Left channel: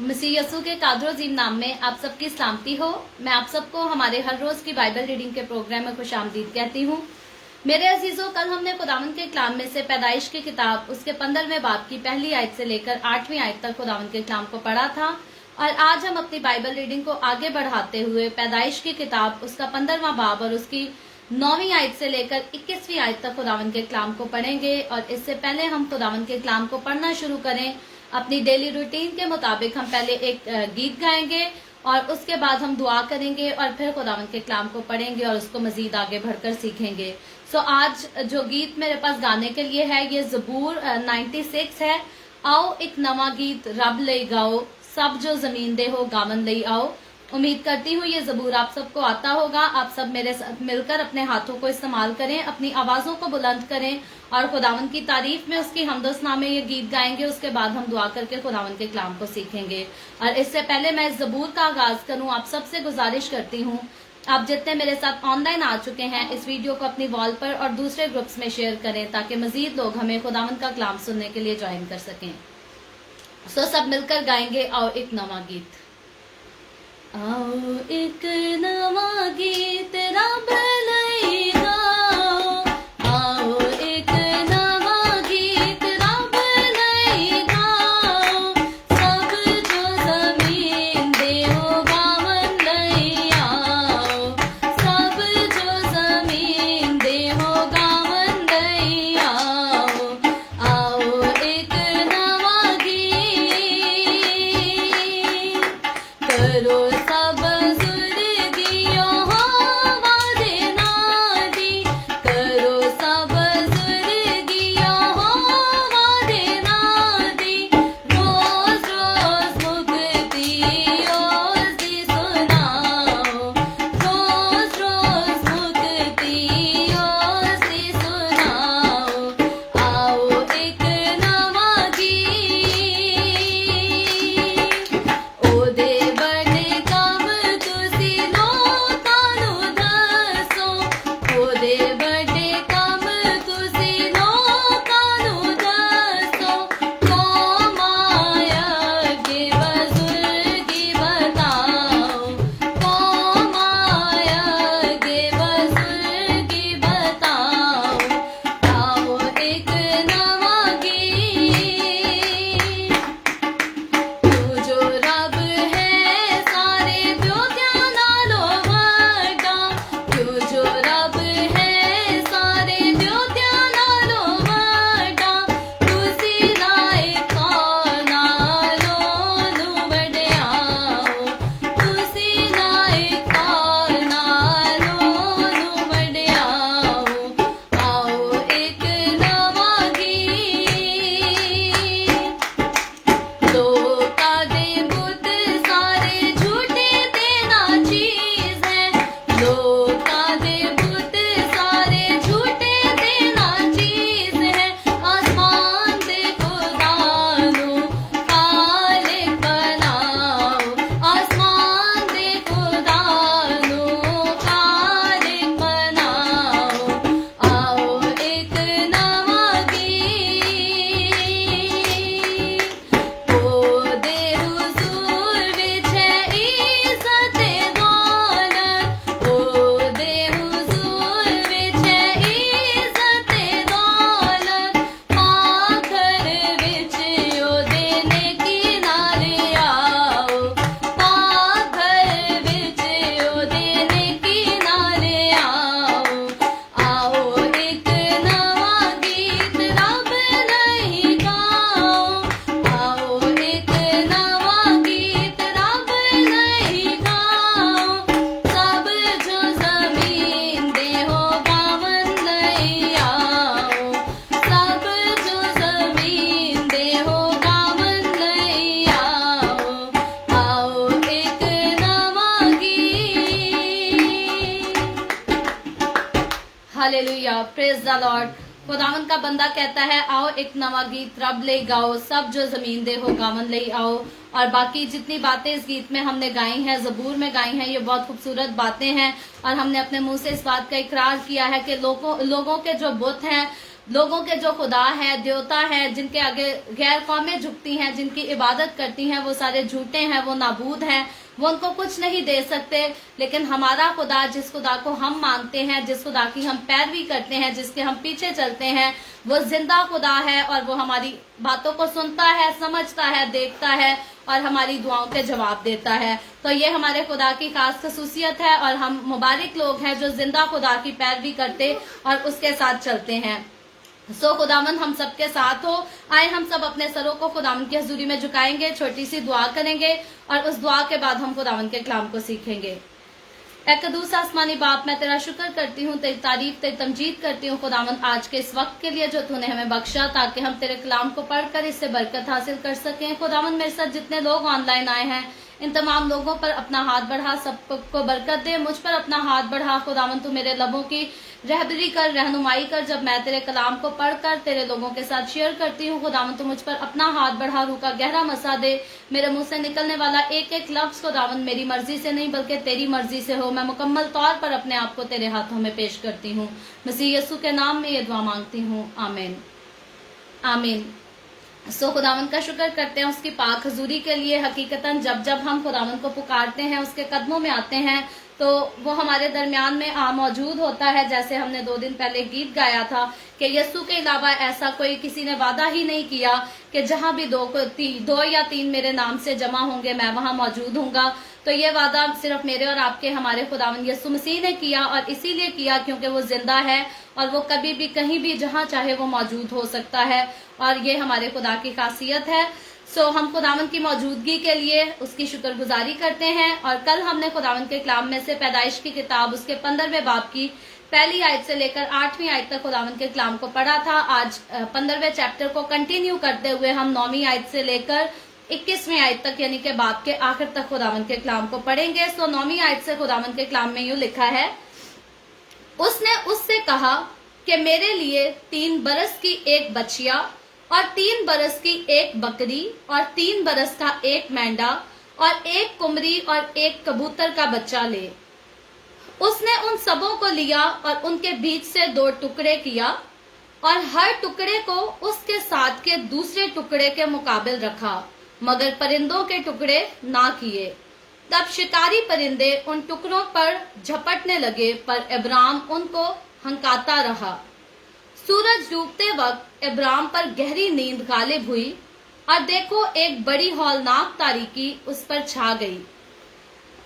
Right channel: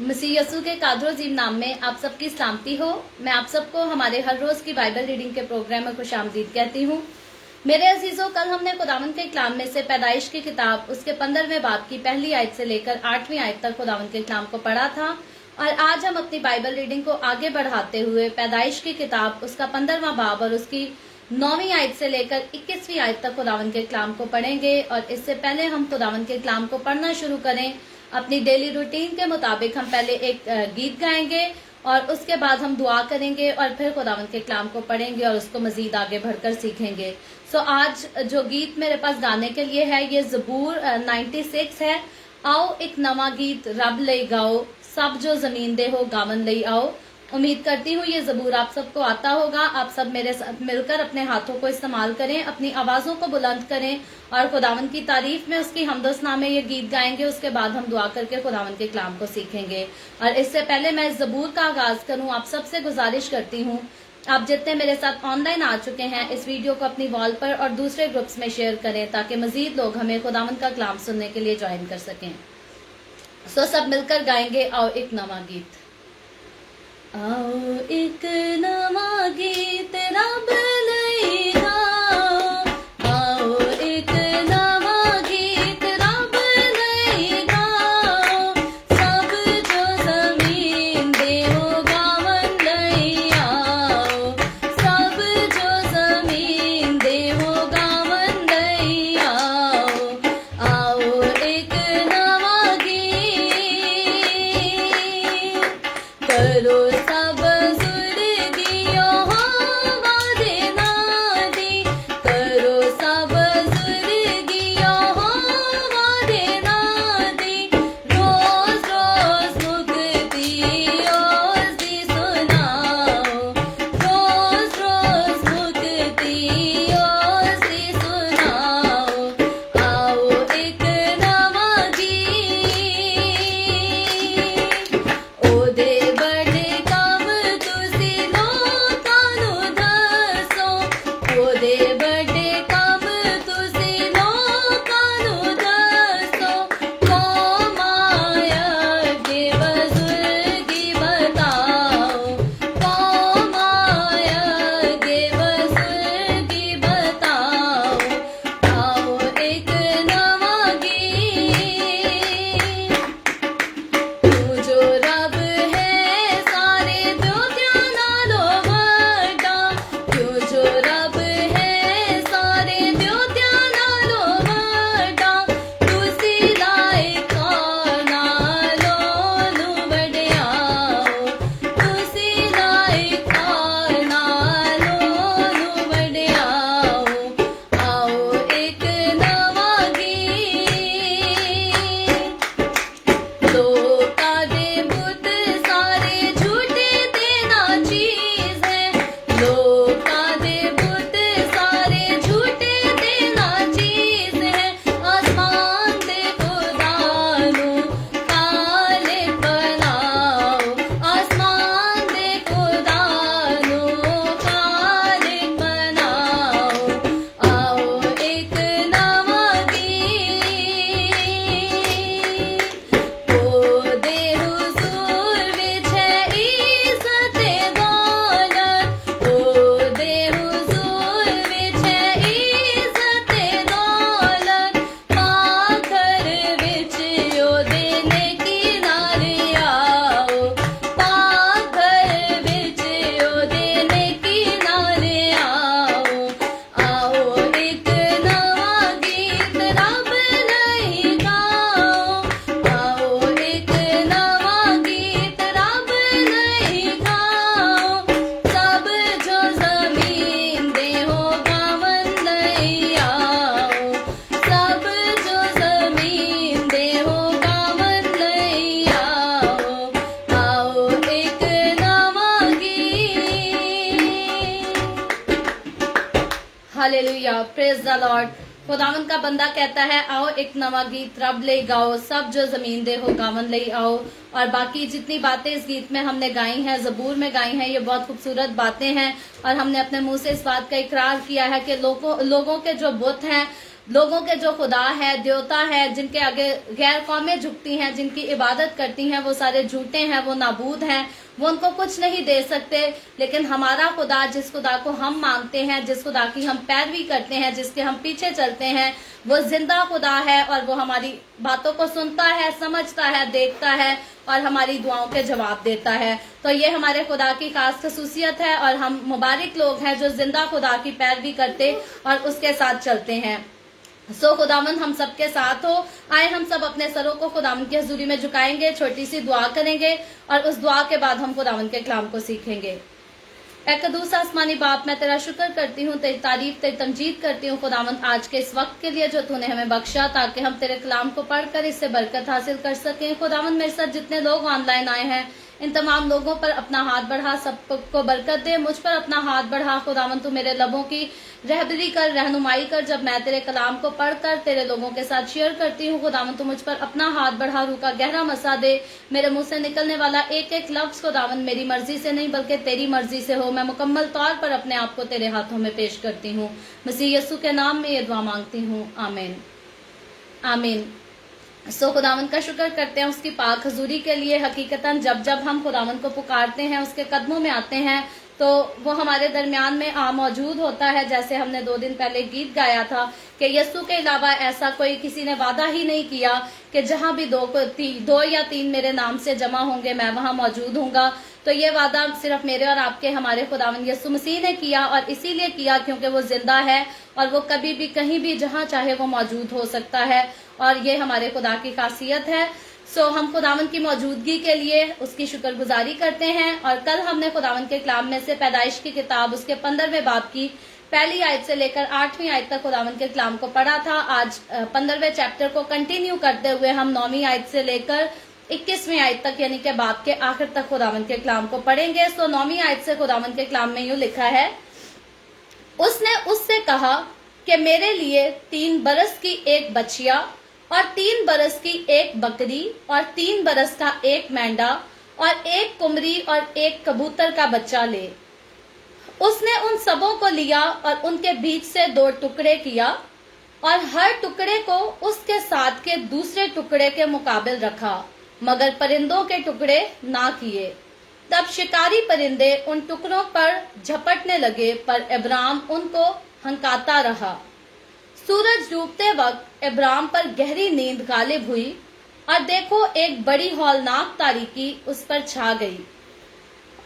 मसीह यसू के कादर अजीम नाम में आप सबकी सलामती हो। मैं आप सबको हमारे हर रोज की बाइबल रीडिंग के प्रोग्राम में खुशामदीद कहती हूँ। मेरे अजीजों, कल हमने खुदावंद के कलाम में से पैदाइश की किताब उसके 15वें बाब की पहली आयत से लेकर 8वीं आयत तक खुदावंद के कलाम को पढ़ा था और आज हम अपनी बाइबल रीडिंग को आगे बढ़ाते हुए पैदाइश की किताब उसका 15वां बाब और उसकी 9वीं आयत से लेकर 21वीं आयत तक खुदावंद के कलाम को पढ़ेंगे। और इससे पहले हम खुदावंद के कलाम को पढ़ना शुरू करें, अपनी डेली रूटीन के मुताबिक हम पहले एक गीत गाएंगे और उसके बाद हम दुआ करेंगे और फिर खुदावंद के कलाम को पढ़ेंगे और उसको मजीद आगे बढ़कर सीखेंगे। सो आज जो गीत मेरे पास गाने के लिए है ये ज़बूर 96 है। आओ एक नवा गीत रब ले गाओ, सब जो जमीन दे हो गावन ले आओ। उम्मीद करती हूँ ये ज़बूर आप सबको आता होगा। आप सब मेरे साथ मिलकर अपने हाथों को इस्तेमाल करें, अपनी आवाजों को बुलंद करें और खुदावंद की तारीफ में उसकी हमदोसना में ये गीत गाएंगे। उसके बाद हम दुआ करके खुदावंद के कलाम को सीखेंगे। और इससे पहले मैं ज़बूर का आगाज करूं, आप सबसे गुजारिश करती हूँ, आप जितने मेरे साथ ऑनलाइन आ चुके हैं इस वीडियो को अपनी वॉल पर और दूसरे ग्रुप्स में शेयर करें ताकि मजीद लोग हमें खुदावंद का कलाम सुनने के लिए ज्वाइन कर सकें। सो सब मिलकर गाएंगे आओ एक नवा गीत। आओ एक नवा गीत रब लई गाओ, आओ एक नवा गीत रब लई गाओ, सब जो जमीन दे हो गावन लई आओ, सब जो जमीन दे हो गावन लई आओ। आओ एक नवा गीत करो सब सुरगियो हो वादे नादी, करो सब सुरगियो हो वादे नादी, रोज रोज मुक्ति ओसदी सुनाओ, रोज रोज मुक्ति ओसदी सुनाओ। आओ एक नवा गीत ओदे बड़े काम तुसी लोकां नूं दसो, ओदे बड़े काम तुसी लोकां नूं दसो, कौम अगे बुजुर्गी बताओ, कौम अगे बुजुर्गी बताओ। आओ एक नवा गीत तू जो रब है सारे जोगियां नालों वड्डा, तू जो रब है सारे जोगियां नालों वड्डा, तुसी लायकां नालों नूं वड्डियाओ, तुसी लायकां नालों नूं वड्डियाओ। आओ एक नवा गीत लोकां दे बुत सारे झूठे ते ना चीज है, लोकां दे बुत सारे झूठे ते ना चीज है, आसमान दे खुदा नूं खालिक बनाओ, आसमान दे खुदा नूं खालिक बनाओ। आओ एक नवा गीत ओदे हुजूर विच है इज्जत दौलत, ओदे हुजूर विच है इज्जत दौलत, पाखर विच ओदे नेकी नाल आओ, पाखर विच ओदे नेकी नाल आओ। आओ एक नवा गीत रब लई गाओ, आओ एक नवा गीत रब लई गाओ, सब जो जमीन दे हो गावन लई आओ, सब जो जमीन दे हो गावन लई आओ। आओ एक नवा गीत। Hallelujah, praise the Lord. खुदावंद का बंदा कहता है आओ एक नवा गीत रब ले गाओ, सब जो जमीन दे हो गावन ले आओ। और बाकी जितनी बातें इस गीत में हमने गाई हैं, ज़बूर में गाई हैं, ये बहुत खूबसूरत बातें हैं और हमने अपने मुंह से इस बात का इकरार किया है कि लोगों के जो बुत हैं लोगों के जो खुदा हैं, देवता हैं, जिनके आगे गैर कौमें झुकती हैं, जिनकी इबादत करती हैं, वो सारे झूठे हैं, वो नाबूद हैं, वो उनको कुछ नहीं दे सकते। लेकिन हमारा खुदा, जिस खुदा को हम मानते हैं, जिस खुदा की हम पैरवी करते हैं, जिसके हम पीछे चलते हैं, वो जिंदा खुदा है और वो हमारी बातों को सुनता है, समझता है, देखता है और हमारी दुआओं के जवाब देता है। तो ये हमारे खुदा की खास खसूसियत है और हम मुबारक लोग हैं जो जिंदा खुदा की पैरवी करते और उसके साथ चलते हैं। खुदावंद हम सबके साथ हो। आए हम सब अपने सरों को खुदावंद की हजूरी में झुकाएंगे, छोटी सी दुआ करेंगे और उस दुआ के बाद हम खुदावंद के कलाम को सीखेंगे। ऐ कदूस आसमानी बाप, मैं तेरा शुक्र करती हूँ, तेरी तारीफ, तेरी तमजीद करती हूँ खुदावंद आज के इस वक्त के लिए जो तूने हमें बख्शा, ताकि हम तेरे कलाम को पढ़कर इससे बरकत हासिल कर सकें। खुदावंद मेरे साथ जितने लोग ऑनलाइन आए हैं, इन तमाम लोगों पर अपना हाथ बढ़ा, सबको बरकत दे। मुझ पर अपना हाथ बढ़ा खुदावंद, तू मेरे लबों की रहबरी कर, रहनुमाई कर। जब मैं तेरे कलाम को पढ़कर तेरे लोगों के साथ शेयर करती हूँ खुदावंद, तू मुझ पर अपना हाथ बढ़ा, रूह का गहरा मसा दे। मेरे मुंह से निकलने वाला एक एक लफ्ज खुदावंद मेरी मर्जी से नहीं बल्कि तेरी मर्जी से हो। मैं मुकम्मल तौर पर अपने आप को तेरे हाथों में पेश करती हूँ। मसीह यीशु के नाम में ये दुआ मांगती हूँ, आमीन आमीन। खुदावंद का शुक्र करते हैं उसकी पाक हजूरी के लिए। हकीकतन जब जब हम खुदावंद को पुकारते हैं, उसके कदमों में आते हैं, तो वो हमारे दरमियान में मौजूद होता है। जैसे हमने 2 दिन पहले गीत गाया था कि यीशु के अलावा ऐसा कोई किसी ने वादा ही नहीं किया कि जहां भी 2 या 3 मेरे नाम से जमा होंगे मैं वहां मौजूद हूंगा। तो ये वादा सिर्फ मेरे और आपके हमारे खुदावंद यीशु मसीह ने किया, और इसीलिए किया क्योंकि वो जिंदा है और वो कभी भी कहीं भी जहां चाहे वो मौजूद हो सकता है, और ये हमारे खुदा की खासियत है। हम खुदावंद की मौजूदगी के लिए उसकी शुक्रगुजारी करते हैं। और कल हमने खुदावंद के कलाम में से पैदाइश की किताब उसके 15वें बाब की पहली आयत से लेकर 8वीं आयत तक खुदावंद के कलाम को पढ़ा था। आज 15वें चैप्टर को कंटिन्यू करते हुए हम 9वीं आयत से लेकर 21वीं आयत तक यानी कि बाब के आखिर तक खुदावंद के कलाम को पढ़ेंगे। 9वीं आयत से खुदावंद के कलाम में यूं लिखा है, उसने उससे कहा कि मेरे लिए 3 बरस की एक बछिया और 3 बरस की एक बकरी और 3 बरस का एक मेंढा और एक कुमरी और एक कबूतर का बच्चा ले। उसने उन सबों को लिया और उनके बीच से 2 टुकड़े किया और हर टुकड़े को उसके साथ के दूसरे टुकड़े के मुकाबिल रखा, मगर परिंदों के टुकड़े ना किए। तब शिकारी परिंदे उन टुकड़ों पर झपटने लगे, पर इब्राम उनको हंकाता रहा। सूरज डूबते वक्त इब्राम पर गहरी नींद गालिब हुई और देखो एक बड़ी हौलनाक तारीकी उस पर छा गई।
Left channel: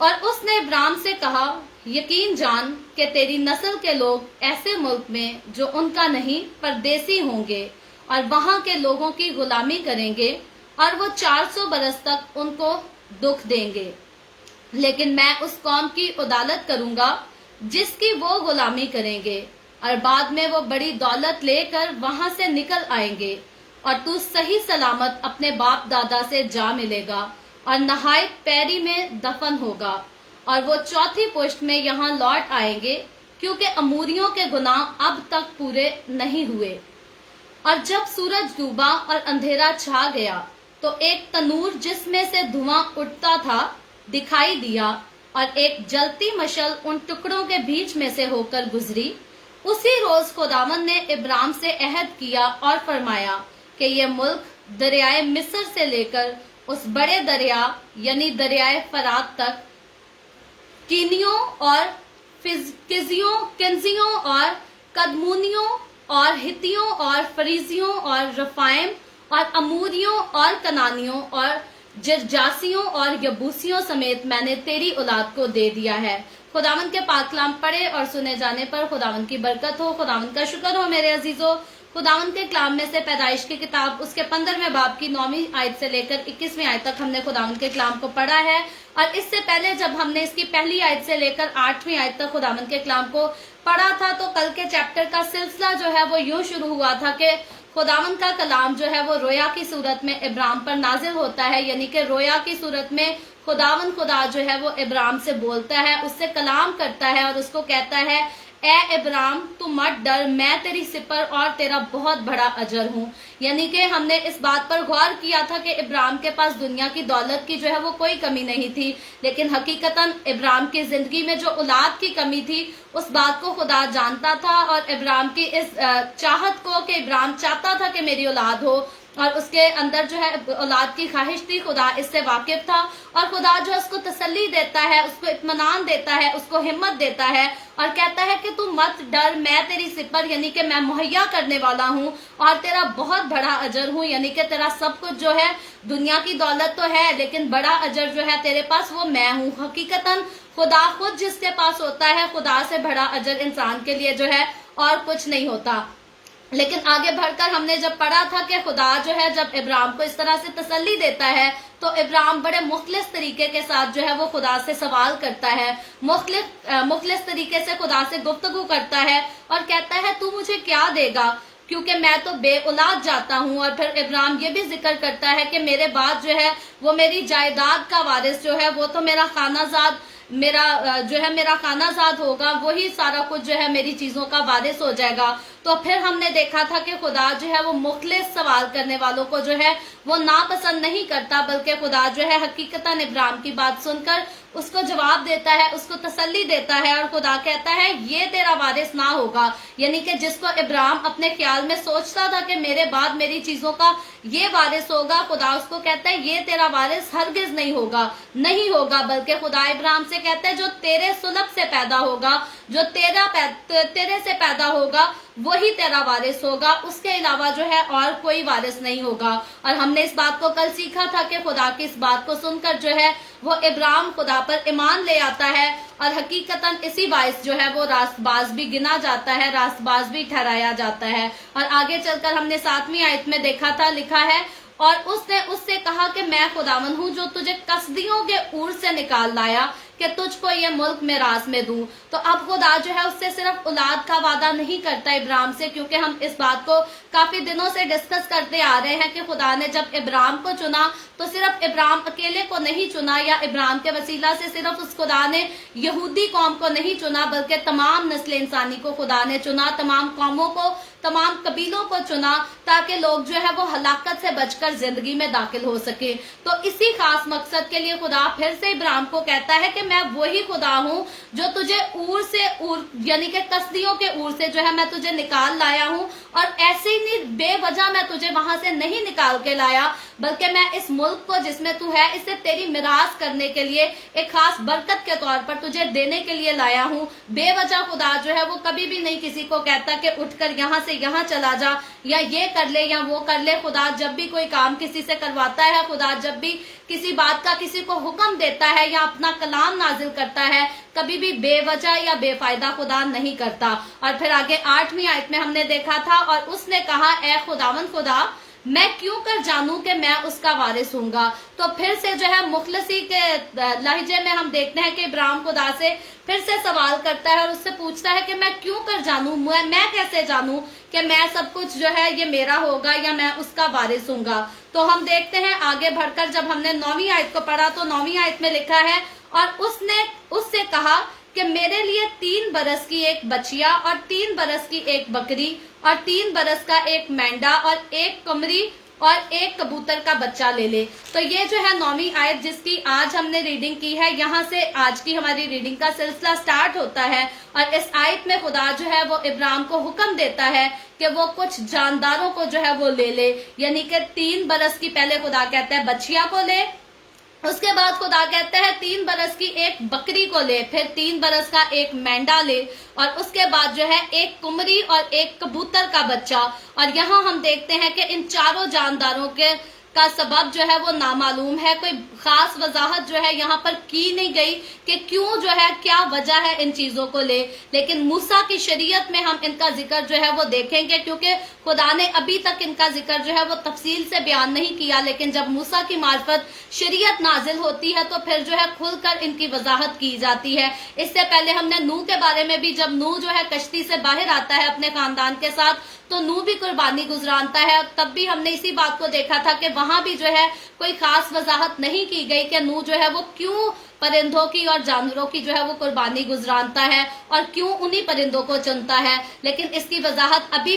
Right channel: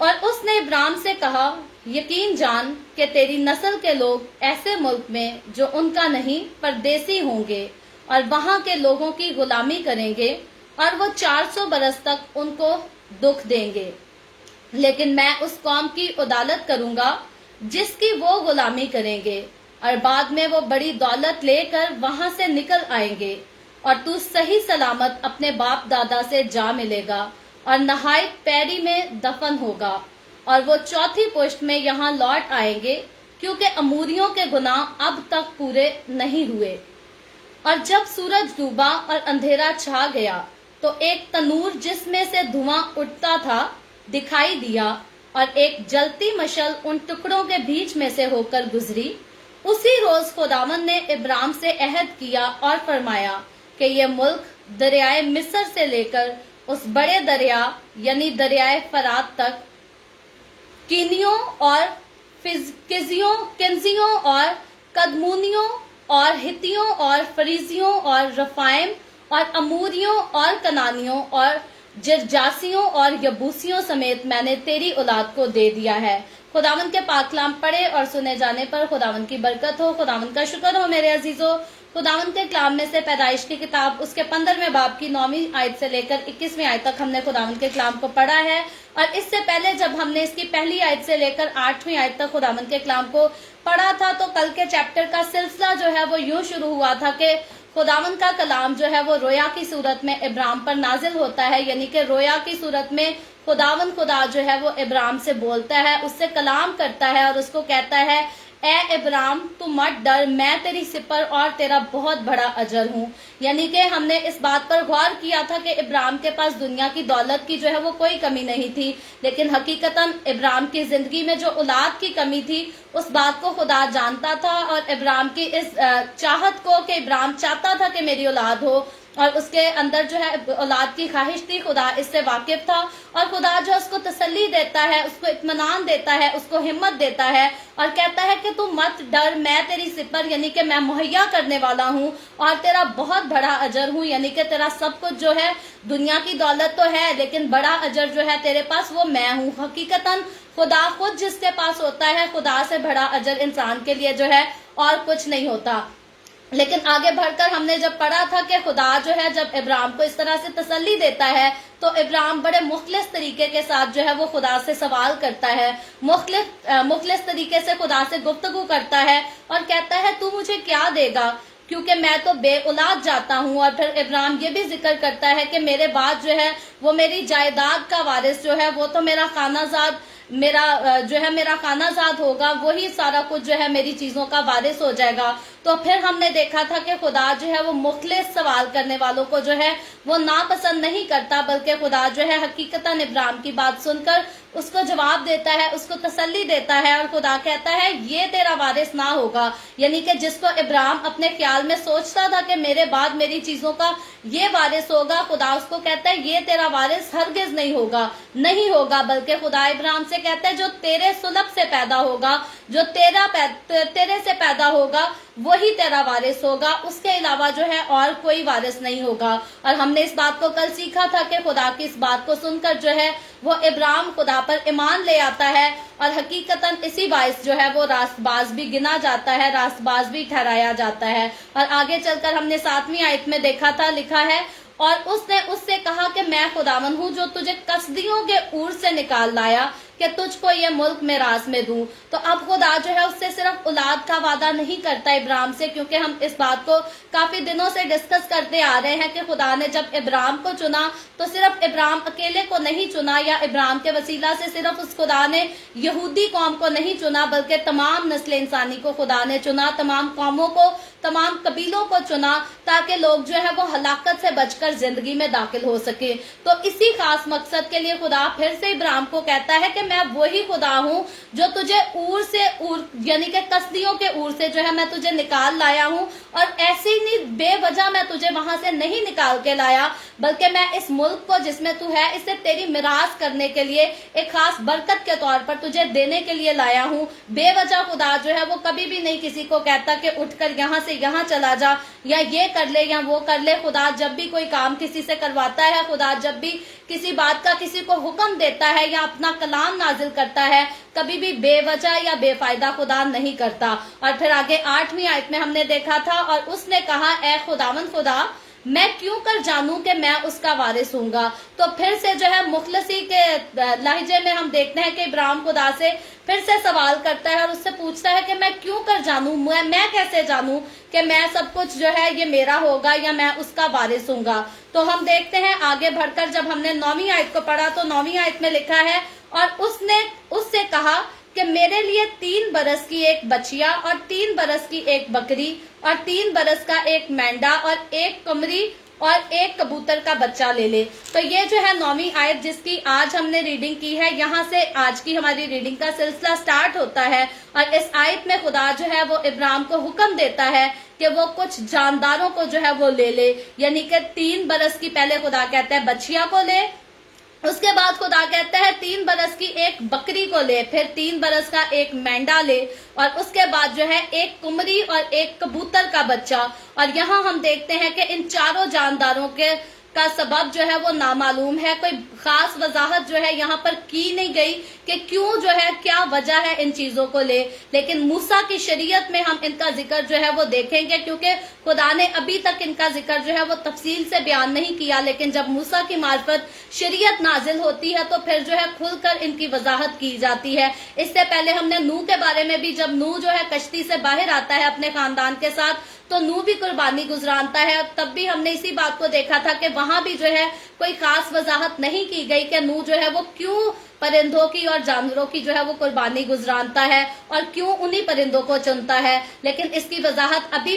और उसने इब्राम से कहा, यकीन जान कि तेरी नस्ल के लोग ऐसे मुल्क में जो उनका नहीं परदेसी होंगे और वहां के लोगों की गुलामी करेंगे, और वो 400 बरस तक उनको दुख देंगे। लेकिन मैं उस कौम की उदालत करूंगा जिसकी वो गुलामी करेंगे, और बाद में वो बड़ी दौलत लेकर वहां से निकल आएंगे, और तू सही सलामत अपने बाप दादा से जा मिलेगा और नहायत पैरी में दफन होगा। और वो 4थी पुश्त में यहाँ लौट आएंगे, क्योंकि अमूरियों के गुनाह अब तक पूरे नहीं हुए। और जब सूरज डूबा और अंधेरा छा गया, तो एक तनूर जिसमें से धुआं उठता था दिखाई दिया, और एक जलती मशल उन टुकड़ों के बीच में से होकर गुजरी। उसी रोज खुदावंद ने इब्राम से अहद किया और फरमाया कि ये मुल्क दरियाए मिस्र से लेकर उस बड़े दरिया यानी दरियाए फरात तक, कीनियों और किन्जियों और कदमूनियों और हितियों और फरीजियों और रफाइम और अमूरियों और कनानियों और जिरजासियों और यबूसियों समेत मैंने तेरी औलाद को दे दिया है। खुदावंद के पाक कलाम पढ़े और सुने जाने पर खुदावंद की बरकत हो। खुदावंद का शुक्र हो मेरे अजीजों। खुदावंद के कलाम में से पैदाइश की किताब उसके 15वें बाब की 9वीं आयत से लेकर 21वीं आयत तक हमने खुदावंद के कलाम को पढ़ा है। और इससे पहले जब हमने इसकी पहली आयत से लेकर 8वीं आयत तक खुदावंद के कलाम को पढ़ा था, तो कल के चैप्टर का सिलसिला जो है वो यूं शुरू हुआ था कि खुदावंद का कलाम जो है वो रोया की सूरत में इब्राम पर नाजिल होता है, यानी कि रोया की सूरत में खुदावंद खुदा जो है वो इब्राम से बोलता है, उससे कलाम करता है और उसको कहता है, اے ابراہیم تو مت ڈر، میں تیری سپر اور تیرا بہت بڑا اجر ہوں۔ یعنی کہ ہم نے اس بات پر غور کیا تھا کہ ابراہیم کے پاس دنیا کی دولت کی جو ہے وہ کوئی کمی نہیں تھی، لیکن حقیقتاً ابراہیم کی زندگی میں جو اولاد کی کمی تھی اس بات کو خدا جانتا تھا، اور ابراہیم کی اس چاہت کو کہ ابراہیم چاہتا تھا کہ میری اولاد ہو اور اس کے اندر جو ہے اولاد کی خواہش تھی، خدا اس سے واقف تھا، اور خدا جو اس کو تسلی دیتا ہے، اس کو اطمینان دیتا ہے، اس کو ہمت دیتا ہے اور کہتا ہے کہ تو مت ڈر، میں تیری سپر یعنی کہ میں مہیا کرنے والا ہوں اور تیرا بہت بڑا اجر ہوں۔ یعنی کہ تیرا سب کچھ جو ہے دنیا کی دولت تو ہے لیکن بڑا اجر جو ہے تیرے پاس وہ میں ہوں۔ حقیقتاً خدا خود جس کے پاس ہوتا ہے، خدا سے بڑا اجر انسان کے لیے جو ہے اور کچھ نہیں ہوتا۔ لیکن آگے بڑھ کر ہم نے جب پڑھا تھا کہ خدا جو ہے جب ابراہیم کو اس طرح سے تسلی دیتا ہے تو ابراہیم بڑے مخلص طریقے کے ساتھ جو ہے وہ خدا سے سوال کرتا ہے، مخلص طریقے سے خدا سے گفتگو کرتا ہے اور کہتا ہے تو مجھے کیا دے گا کیونکہ میں تو بے اولاد جاتا ہوں۔ اور پھر ابراہیم یہ بھی ذکر کرتا ہے کہ میرے بعد جو ہے وہ میری جائیداد کا وارث جو ہے وہ تو میرا خانہ زاد میرا خانہ زاد ہوگا، وہی سارا کچھ جو ہے میری چیزوں کا وارث ہو جائے گا۔ تو پھر ہم نے دیکھا تھا کہ خدا جو ہے وہ مخلص سوال کرنے والوں کو جو ہے وہ ناپسند نہیں کرتا، بلکہ خدا جو ہے حقیقتاً ابراہیم کی بات سن کر اس کو جواب دیتا ہے، اس کو تسلی دیتا ہے، اور خدا کہتا ہے یہ تیرا وارث نہ ہوگا۔ یعنی کہ جس کو ابراہیم اپنے خیال میں سوچتا تھا کہ میرے بعد میری چیزوں کا یہ وارث ہوگا، خدا اس کو کہتا ہے یہ تیرا وارث ہرگز نہیں ہوگا، بلکہ خدا ابراہیم سے کہتا ہے جو تیرے سلب سے پیدا ہوگا، جو تیرے سے پیدا ہوگا وہی تیرا وارث ہوگا، اس کے علاوہ جو ہے اور کوئی وارث نہیں ہوگا۔ اور ہم نے اس بات کو کل سیکھا تھا کہ خدا کی اس بات کو سن کر جو ہے وہ ابراہیم خدا پر ایمان لے آتا ہے، اور حقیقتاً اسی باعث جو ہے وہ راست باز بھی گنا جاتا ہے، راست باز بھی ٹھہرایا جاتا ہے۔ اور آگے چل کر ہم نے 7ویں آیت میں دیکھا تھا، لکھا ہے اور اس نے اس سے کہا کہ میں خداوند ہوں جو تجھے کسدیوں کے اور سے نکال لایا کہ تجھ کو یہ ملک میراث میں دوں۔ تو اب خدا جو ہے اس سے صرف اولاد کا وعدہ نہیں کرتا ابراہیم سے، کیونکہ ہم اس بات کو کافی دنوں سے ڈسکس کرتے آ رہے ہیں کہ خدا نے جب ابراہیم کو چنا تو صرف ابراہیم اکیلے کو نہیں چنا، یا ابراہیم کے وسیلہ سے صرف اس خدا نے یہودی قوم کو نہیں چنا، بلکہ تمام نسل انسانی کو خدا نے چنا، تمام قوموں کو، تمام قبیلوں کو چنا، تاکہ لوگ جو ہے وہ ہلاکت سے بچ کر زندگی میں داخل ہو سکے۔ تو اسی خاص مقصد کے لیے خدا پھر سے ابراہیم کو کہتا ہے کہ میں وہی خدا ہوں جو تجھے یعنی کہ کسدیوں کے اور سے جو ہے میں تجھے نکال لایا ہوں، اور ایسے ہی نہیں بے وجہ میں تجھے وہاں سے نہیں نکال کے لایا، بلکہ میں اس ملک کو جس میں تو ہے اسے تیری میراث کرنے کے لیے ایک خاص برکت کے طور پر تجھے دینے کے لیے لایا ہوں۔ بے وجہ خدا جو ہے وہ کبھی بھی نہیں کسی کو کہتا کہ اٹھ کر یہاں سے یہاں چلا جا، یا یہ کر لے یا وہ کر لے۔ خدا جب بھی کوئی کام کسی سے کرواتا ہے، خدا جب بھی کسی بات کا کسی کو حکم دیتا ہے یا اپنا کلام نازل کرتا ہے، کبھی بھی بے وجہ یا بے فائدہ خدا نہیں کرتا۔ اور پھر آگے 8ویں آیت میں ہم نے دیکھا تھا اور اس نے کہا اے خداوند خدا، میں کیوں کر جانوں کہ میں اس کا وارث ہوں گا۔ تو پھر سے جو ہے مخلصی کے لہجے میں ہم دیکھتے ہیں کہ ابراہیم خدا سے پھر سے سوال کرتا ہے اور اس سے پوچھتا ہے کہ میں کیوں کر جانوں، میں کیسے جانوں کہ میں سب کچھ جو ہے یہ میرا ہوگا یا میں اس کا وارث ہوں گا۔ تو ہم دیکھتے ہیں آگے بڑھ کر جب ہم نے 9ویں آیت کو پڑھا تو 9ویں آیت میں لکھا ہے اور اس نے اس سے کہا کہ میرے لیے 3 برس کی ایک بچیا اور 3 برس کی ایک بکری اور 3 برس کا ایک مینڈا اور ایک قمری اور ایک کبوتر کا بچہ لے لے۔ تو یہ جو ہے 9ویں آیت جس کی آج ہم نے ریڈنگ کی ہے، یہاں سے آج کی ہماری ریڈنگ کا سلسلہ سٹارٹ ہوتا ہے، اور اس آیت میں خدا جو ہے وہ ابراہیم کو حکم دیتا ہے کہ وہ کچھ جانداروں کو جو ہے وہ لے لے، یعنی کہ 3 برس کی پہلے خدا کہتا ہے بچیا کو لے، اس کے بعد خدا کہتا ہے 3 برس کی ایک بکری کو لے، پھر 3 برس کا ایک مینڈا لے، اور اس کے بعد جو ہے ایک قمری اور ایک کبوتر کا بچہ۔ اور یہاں ہم دیکھتے ہیں کہ ان چاروں جانداروں کا سبب جو ہے وہ نامعلوم ہے، کوئی خاص وضاحت جو ہے یہاں پر کی نہیں گئی کہ کیوں جو ہے کیا وجہ ہے ان چیزوں کو لے، لیکن موسیٰ کی شریعت میں ہم ان کا ذکر جو ہے وہ دیکھیں گے، کیونکہ خدا نے ابھی تک ان کا ذکر جو ہے وہ تفصیل سے بیان نہیں کیا، لیکن جب موسیٰ کی معرفت شریعت نازل ہوتی ہے تو پھر جو ہے کھل کر ان کی وضاحت کی جاتی ہے۔ اس سے پہلے ہم نے نوح کے بارے میں بھی، جب نوح جو ہے کشتی سے باہر آتا ہے اپنے خاندان کے ساتھ تو نوح بھی قربانی گزرانتا ہے، تب بھی ہم نے اسی بات کو دیکھا تھا کہ وہاں بھی جو ہے کوئی خاص وضاحت نہیں کی گئی کہ نوح جو ہے وہ کیوں परिंदों की और जानवरों की जो है वो कुर्बानी गुजरानता है और क्यों उन्हीं परिंदों को चुनता है। लेकिन इसकी वजाहत अभी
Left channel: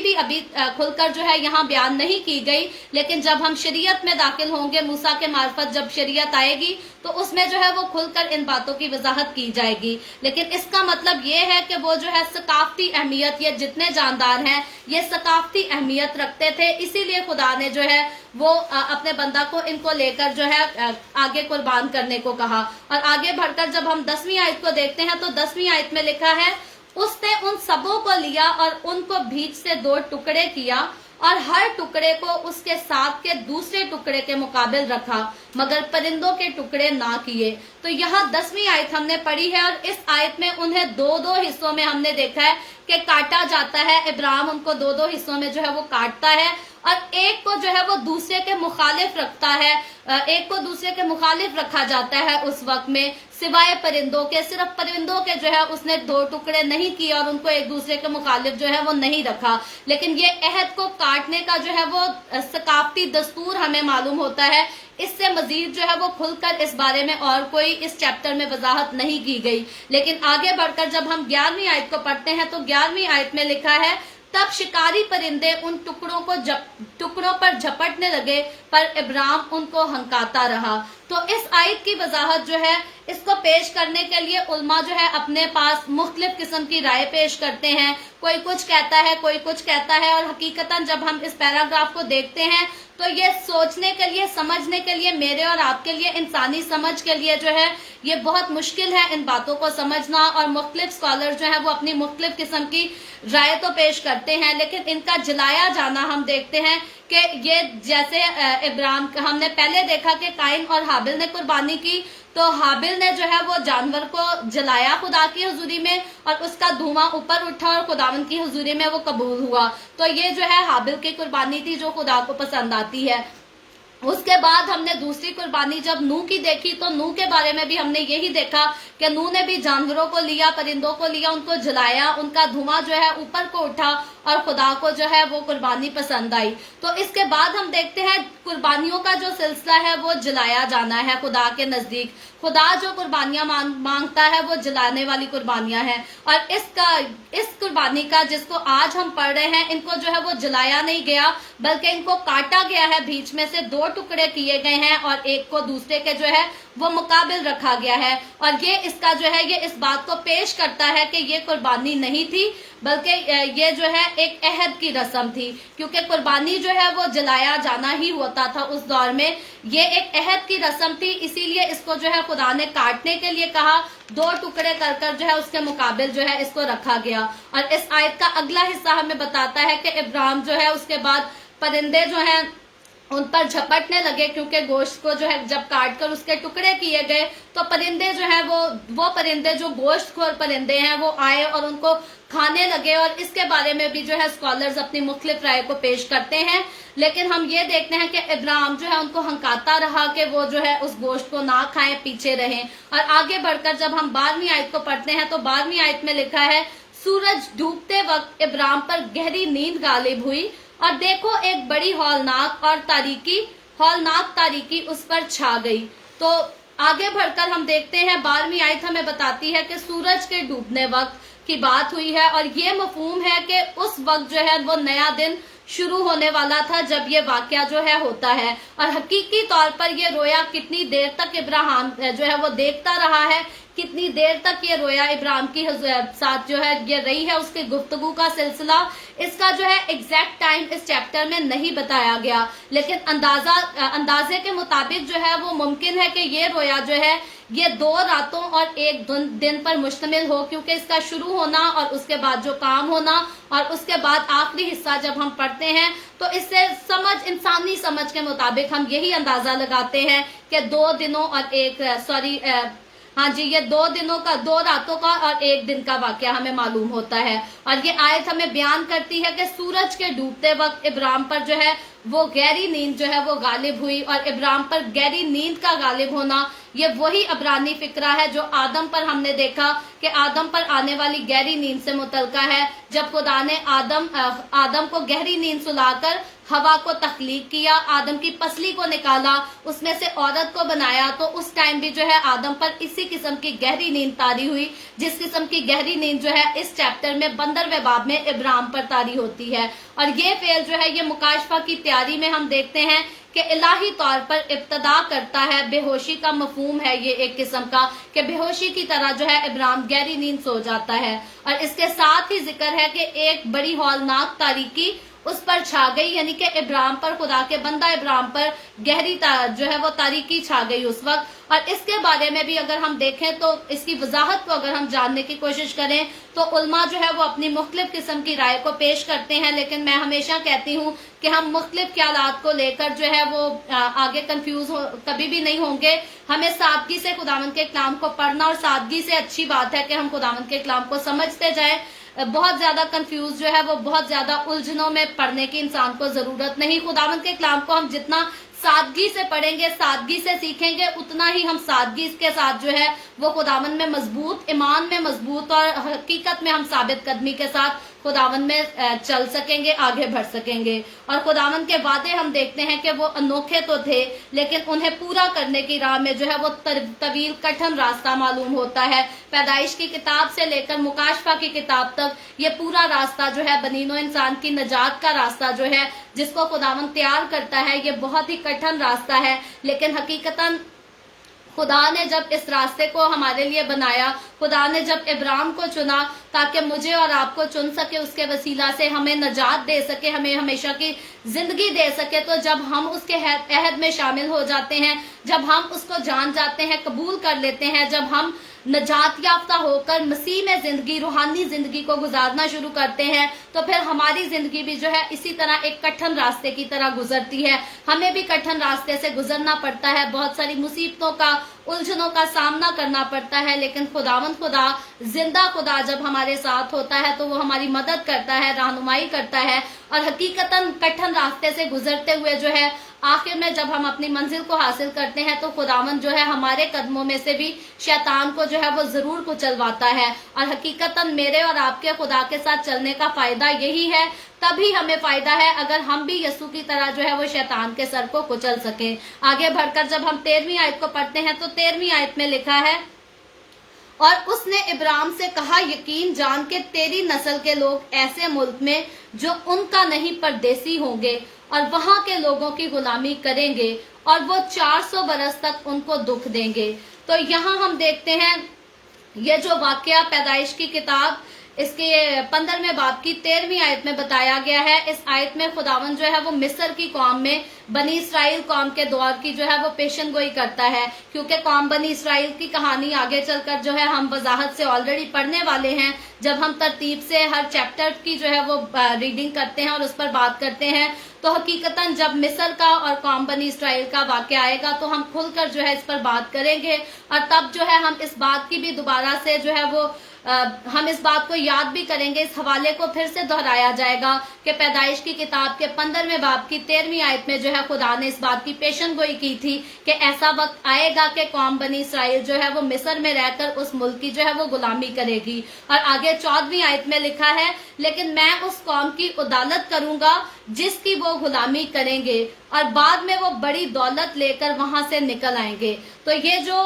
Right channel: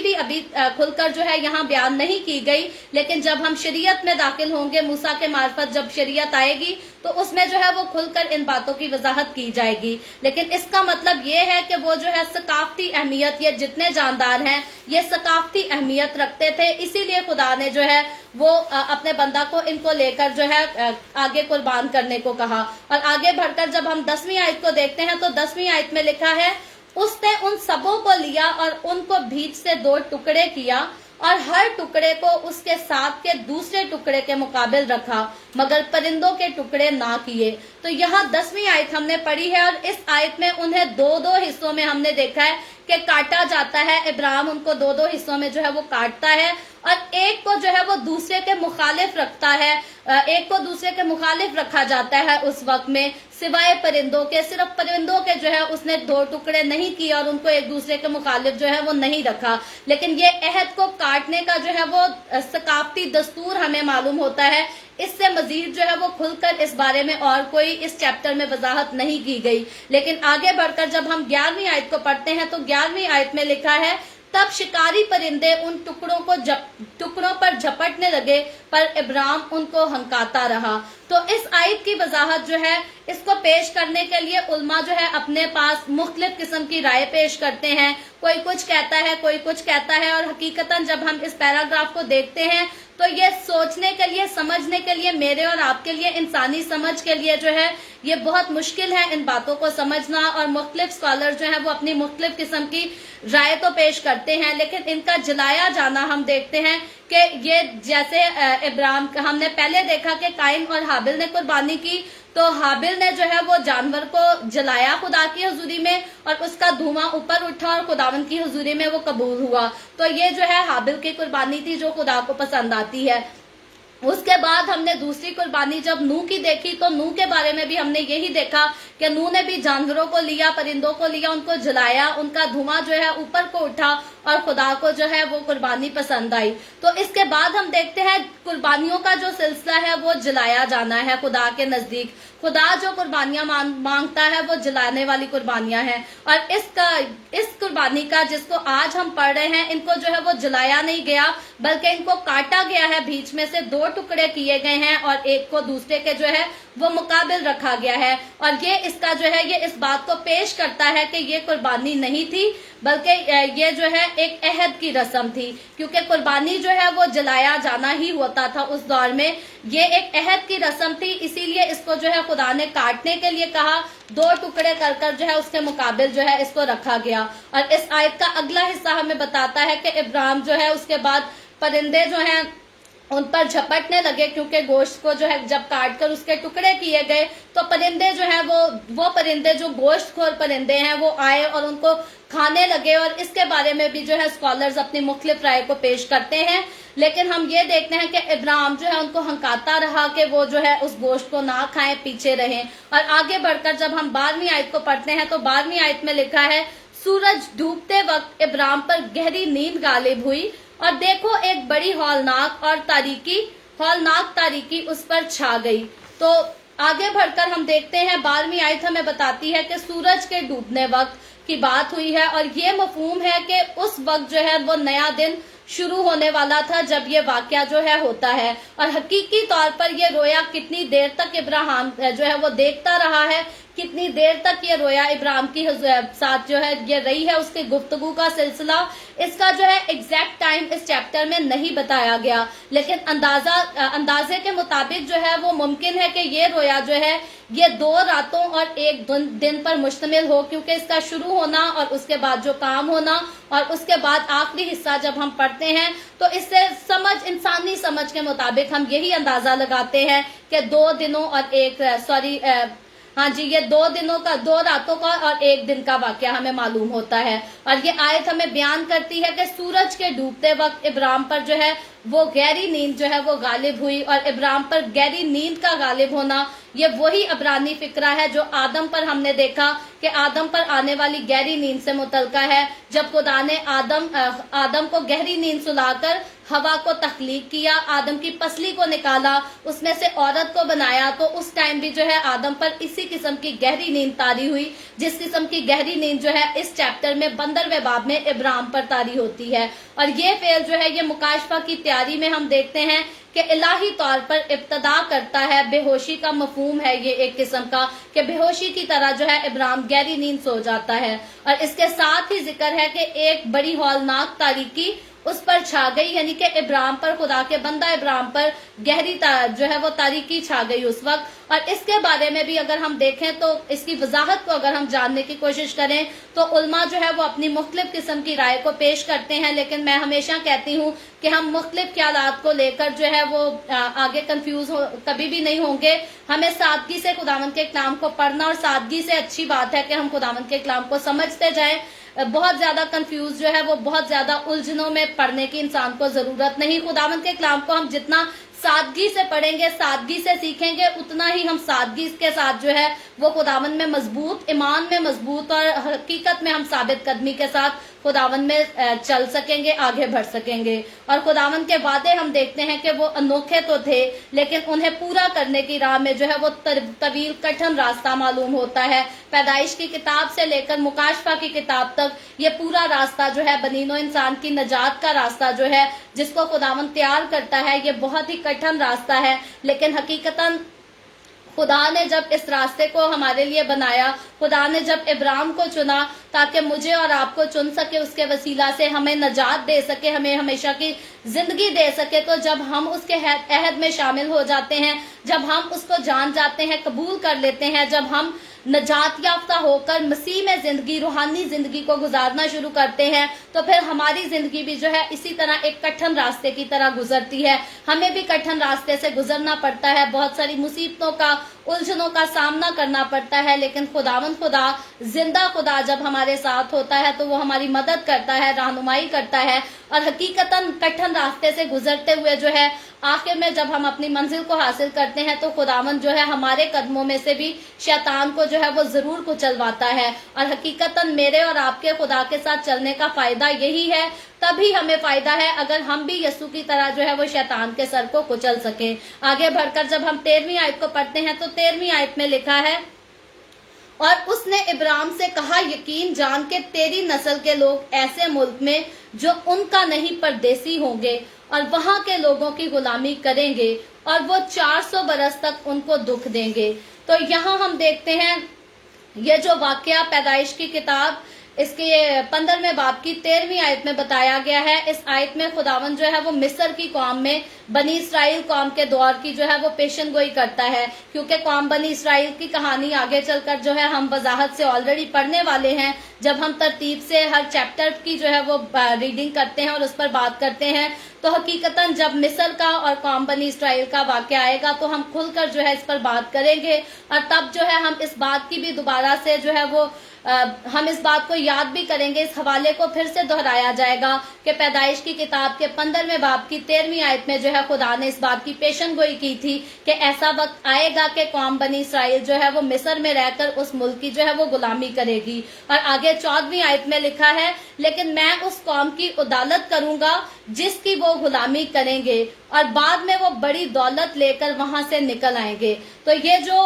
खुलकर जो है यहाँ बयान नहीं की गई। लेकिन जब हम शरीयत में दाखिल होंगे, मूसा के मार्फत जब शरीयत आएगी तो उसमें जो है वो खुलकर इन बातों की वजाहत की जाएगी। लेकिन इसका मतलब ये है कि वो जो है सकाफती अहमियत, ये जितने जानदार हैं ये सकाफती अहमियत रखते थे, इसीलिए खुदा ने जो है वो अपने बंदा को इनको लेकर जो है आगे कुर्बान करने को कहा। और आगे बढ़कर जब हम 10वीं आयत को देखते हैं तो 10वीं आयत में लिखा है, उसने उन सबों को लिया और उनको बीच से 2 टुकड़े किया और हर टुकड़े को उसके साथ के दूसरे टुकड़े के मुकाबिल रखा, मगर परिंदों के टुकड़े ना किए। तो यहाँ 10वीं आयत हमने पढ़ी है और इस आयत में उन्हें 2-2 हिस्सों में हमने देखा है कि काटा जाता है। इब्राहिम उनको 2-2 हिस्सों में जो है वो काटता है और एक को जो है वो दूसरे के मुखालिफ रखता है, एक को दूसरे के मुखालिफ रखा जाता है उस वक्त में, सिवाय परिंदों के। सिर्फ परिंदों के जो है उसने 2 टुकड़े नहीं किए और उनको एक दूसरे के मुखालिफ जो है वो नहीं रखा। लेकिन ये अहद को काटने का जो है वो सकाफती दस्तूर हमें मालूम होता है। इससे मजीद जो है वो खुलकर इस बारे में और कोई इस चैप्टर में वजाहत नहीं की गई। लेकिन आगे बढ़कर जब हम 11वीं आयत को पढ़ते हैं तो 11वीं आयत में लिखा है, तब शिकारी परिंदे उन टुकड़ों पर झपटने लगे, पर इब्राहिम उनको हंकाता रहा। तो इस आयत की वजाहत जो है इसको पेश करने के लिए उलमा जो है अपने पास मुख्तलिफ किस्म की राय पेश करते हैं। कोई कुछ कहता है, कोई कुछ कहता है, और हकीकतन जब हम इस पैराग्राफ को देखते हैं तो ये सोचने के लिए, समझने के लिए, मेरे और आपके लिए, इंसानी समझ के लिए जो है ये बहुत मुश्किल है इन बातों को समझना। और मुख्तलिफ स्कॉलर जो है वो अपनी मुख्तलिफ किस्म की राय तो पेश करते हैं, लेकिन इनका जलाया जाना हम देखते हैं कि ये जैसे इब्राहिम, हमने पहले देखा कि काइन और हाबिल ने कुर्बानी की, तो हाबिल ने जो है वो जानवर को जलाया खुदा की हुजूरी में और उसका धुआं ऊपर उठा और खुदावन की हुजूरी में वो कबूल हुआ। तो ये जो है हाबिल की कुर्बानी थी जो खुदा को पसंद आती है। उसके बाद हमने दूसरी कुर्बानी जब नूह की देखी तो नूह के बारे में भी हमने यही देखा कि नूह ने भी जानवरों को लिया, परिंदों को लिया, उनको जलाया, उनका धुआं जो है ऊपर को उठा और खुदा को जो है वो कुर्बानी पसंद आई। तो इसके बाद हम देखते हैं कुर्बानियों का जो सिलसिला है वो जलाया जाना है खुदा के नजदीक। खुदा जो कुर्बानियां मांगता है वो जलाने वाली कुर्बानियां हैं। और इस कुर्बानी का जिसको आज हम पढ़ रहे हैं, इनको जो है वो जलाया नहीं गया बल्कि इनको काटा गया है, बीच में से 2 टुकड़े किए गए हैं और एक को दूसरे के जो है वो मुकाबिल रखा गया है। और ये इसका जो है ये इस बात को पेश करता है कि ये कुर्बानी नहीं थी बल्कि ये जो है एक अहद की रस्म थी, क्योंकि कुर्बानी जो है वो जलाया जाना ही होता था उस दौर में। ये एक अहद की रस्म थी, इसीलिए इसको जो है खुदा ने काटने के लिए कहा, 2 टुकड़े कर जो है उसके मुकाबिल जो है इसको रखा गया। और इस आयत का अगला हिस्सा हमें बताता है कि इब्राहिम जो है उसके बाद परिंदे जो हैं उन पर झपटने लगे, क्योंकि गोश्त को जो है जब काट कर उसके टुकड़े किए गए तो परिंदे जो हैं वो परिंदे जो गोश्तखोर परिंदे हैं वो आए और उनको खाने लगे। और इसके बारे में भी जो है स्कॉलर्स अपनी मुख्तलिफ राय को पेश करते हैं। लेकिन हम ये देखते हैं कि इब्राहिम जो है उनको हंकाता रहा कि वो जो है उस गोश्त को ना खाएं, पीछे रहें। और आगे बढ़कर जब हम 12वीं आयत को पढ़ते हैं तो 12वीं आयत में लिखा है, सूरज डूबते वक्त इब्राहिम पर गहरी नींद गालिब हुई और देखो एक बड़ी हौलनाक तारीकी उस पर छा गई। तो आगे बढ़कर हम देखते हैं 12वीं आयत हमें बताती है कि सूरज के डूबने वक्त की बात हुई है और ये मफहूम है कि उस वक्त जो है वो नया दिन शुरू होने वाला था जब ये वाकया जो है होता है। और हकीकी तौर पर ये रोया कितनी देर तक इब्राहिम जो है वो देखता रहा है, कितनी देर तक ये रोया इब्राहिम की साथ जो है ये रही है, उसके गुफ्तगू का सिलसिला, इसका जो है एग्जैक्ट टाइम इस चैप्टर में नहीं बताया गया। लेकिन अंदाजे के मुताबिक जो है वो मुमकिन है कि ये रोया जो है ये 2 रातों और 1 दिन पर मुश्तमिल हो, क्योंकि इसका शुरू होना और उसके बाद जो काम होना और उसके बाद आखिरी हिस्सा जब हम पढ़ते हैं तो इससे इंसानी समझ के मुताबिक हम यही अंदाजा लगाते हैं कि 2 दिनों और ये 2 रातों का और 1 दिन का वाकया हमें मालूम होता है। और ये आयत हमें बयान करती है कि सूरज के डूबते वक्त इब्राहिम पर जो है वो गहरी नींद जो है वो गालिब हुई, और इब्राहिम पर गहरी नींद का गालिब होना ये वही अबरानी फिक्रा है जो आदम पर हमने देखा कि आदम पर आने वाली गहरी नींद से मुतलका है। जब खुदा ने आदम को गहरी नींद सुलाकर हवा को तख्लीक किया, आदम की पसली को निकाला, उसमें से औरत को बनाया, तो उस टाइम भी जो है आदम पर इसी किस्म की गहरी नींद तारी हुई, जिस किस्म की गहरी नींद जो है इस चैप्टर में 15वें बाब में इब्राहिम पर तारी होती है। और ये फेल जो है ये मुकाशफा की तैयारी में हम देखते हैं कि इलाही तौर पर इब्तदा करता है। बेहोशी का मफहूम है ये एक किस्म का कि बेहोशी की तरह जो है इब्राहिम गहरी नींद सो जाता है। और इसके साथ ही जिक्र है कि एक बड़ी हौलनाक तारीकी उस पर छा गई, यानी कि इब्राहिम पर, खुदा के बंदा इब्राहिम पर गहरी जो है वो तारीकी छा गई उस वक्त। और इसके बारे में भी अगर हम देखें तो इसकी वजाहत को अगर हम जानने की कोशिश करें तो उलमा जो है वो अपनी मुख्तलिफ किस्म की राय को पेश करते हैं, लेकिन मैं हमेशा कहती हूँ कि हम मुख्तलिफ ख्यालात को लेकर जो है वो आगे कंफ्यूज कभी भी नहीं होंगे। हमें सादगी से खुदावंद के कलाम को पढ़ना, और सादगी से अच्छी बात है कि हम खुदावंद के कलाम को समझते जाएं। बहुत ज्यादा कंफ्यूज जो है वो बहुत ज्यादा उलझनों में पढ़ने की इंसान को जरूरत नहीं। खुदावंद के कलाम को हम जितना सादगी से पढ़ेंगे, सादगी से सीखेंगे, उतना ही हम सादगी के साथ जो है वो खुदावंद में मजबूत, ईमान में मजबूत और हकीकत में हम साबित कदमी के साथ खुदावंद में चल सकेंगे, आगे बढ़ सकेंगे। और खुदावंद के वादे हम देखते हैं कि वो अनोखे तो थे, लेकिन उन्हें पूरा करने की राह में जो है वो तवील कठिन रास्ता मालूम होता है। पैदाइश की किताब से लेकर मुकाशफा की किताब तक ये पूरा रास्ता जो है बनीनो इंसान की नजात का रास्ता जो है जिसको खुदावंद तैयार करता है, ये बहुत ही कठिन रास्ता है। लेकिन हकीकतन खुदा ने जब इस रास्ते को हमारे लिए बनाया, खुदा ने जब इब्राहिम को चुना ताकि मुझे और आपको चुन सके, उसके वसीला से हमें नजात दे सके, हमें हमेशा की जिंदगी दे सके, तो जब हम उसके अहद में शामिल हो जाते हैं, जब हम उसको जान जाते हैं, कबूल कर लेते हैं, जब हम नजात याफ्ता होकर मसीह में जिंदगी, रूहानी जिंदगी को गुजारना शुरू करते हैं, तो फिर हमारी जिंदगी भी जो है इसी तरह एक कठिन रास्ते की तरह गुजरती है। हमें भी कठिन रास्ते से गुजरना पड़ता है, बहुत सारी मुसीबतों का, उलझनों का सामना करना पड़ता है, लेकिन खुदावंद खुदा, जिंदा खुदा जब हमारे साथ होता है तो वो हमारी मदद करता है, रहनुमाई करता है। और हकीकतन कठिन रास्ते से गुजरते हुए जो है आखिर में जब हम अपनी मंजिल को हासिल करते हैं तो खुदावंद जो है हमारे कदमों में से भी शैतान को जो है वो जरूर कुचलवाता है। और हकीकतन मेरे और आपके खुदा के साथ चलने का फायदा यही है, तभी हमें फायदा है अगर हम भी यीशु की तरह जो है वो शैतान के सर को कुचल सके। आगे बढ़कर जब हम 13वीं आयत को पढ़ते हैं तो 13वीं आयत में लिखा है, और उसने इब्राहिम से कहा, यकीन जान के तेरी नस्ल के लोग ऐसे मुल्क में जो उनका नहीं परदेसी होंगे और वहां के लोगों की गुलामी करेंगे, और वो 400 बरस तक उनको दुख देंगे। तो यहाँ हम देखते हैं ये जो वाकया पैदाइश की किताब इसके 15वें बाब की 13वीं आयत में बताया गया है। इस आयत में खुदावंद जो है वो मिस्र की कौम में बनी इसराइल कौम के दौर की जो है वो पेशन गोई करता है, क्योंकि कौम बनी इसराइल की कहानी आगे चलकर जो है हम वजाहत से ऑलरेडी पढ़ने वाले हैं। जब हम तरतीब से हर चैप्टर की जो है वो रीडिंग करते हैं और उस पर बात करते हैं, तो हकीकतन जब मिस्र का और कौम बनी इसराइल का वाकया आएगा तो हम खुलकर जो है इस पर बात करेंगे, और तब जो है हम इस बात की भी दोबारा से जो है वो हम इस बात को याद भी करेंगे, इस हवाले को फिर से दोहराया जाएगा कि पैदाइश की किताब के 15वें बाब की 13वीं आयत में जो है खुदा ने इस बात की पेशन गोई की थी कि ऐसा वक्त आएगा कि कौम बनी इसराइल जो है वो मिस्र में रहकर उस मुल्क की जो है वो गुलामी करेगी। और आगे 14वीं आयत में लिखा है, लेकिन मैं उस कौम की उदालत करूंगा जिसकी वो गुलामी करेंगे, और बाद में वो बड़ी दौलत लेकर वहां से निकल आएंगे। तो ये जो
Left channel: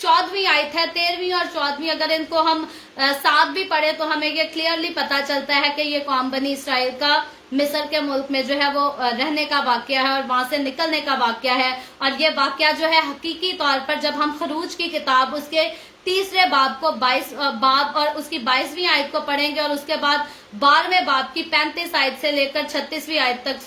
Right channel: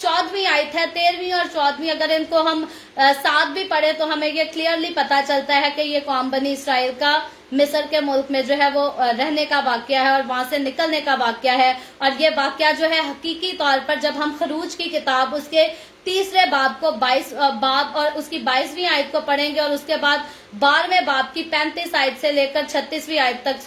14वीं आयत है, 13वीं और 14वीं, अगर इनको हम साथ भी पढ़े तो हमें ये क्लियरली पता चलता है कि ये कौम बनी इसराइल का मिस्र के मुल्क में जो है वो रहने का वाकया है और वहां से निकलने का वाकया है। और ये वाकया जो है हकीकी तौर पर जब हम खरूज की किताब उसके 3रे बाब को 22 बाब और उसकी 22वीं आयत को पढ़ेंगे, और उसके बाद 12वें बाब की 35 आयत से लेकर 36वीं आयत तक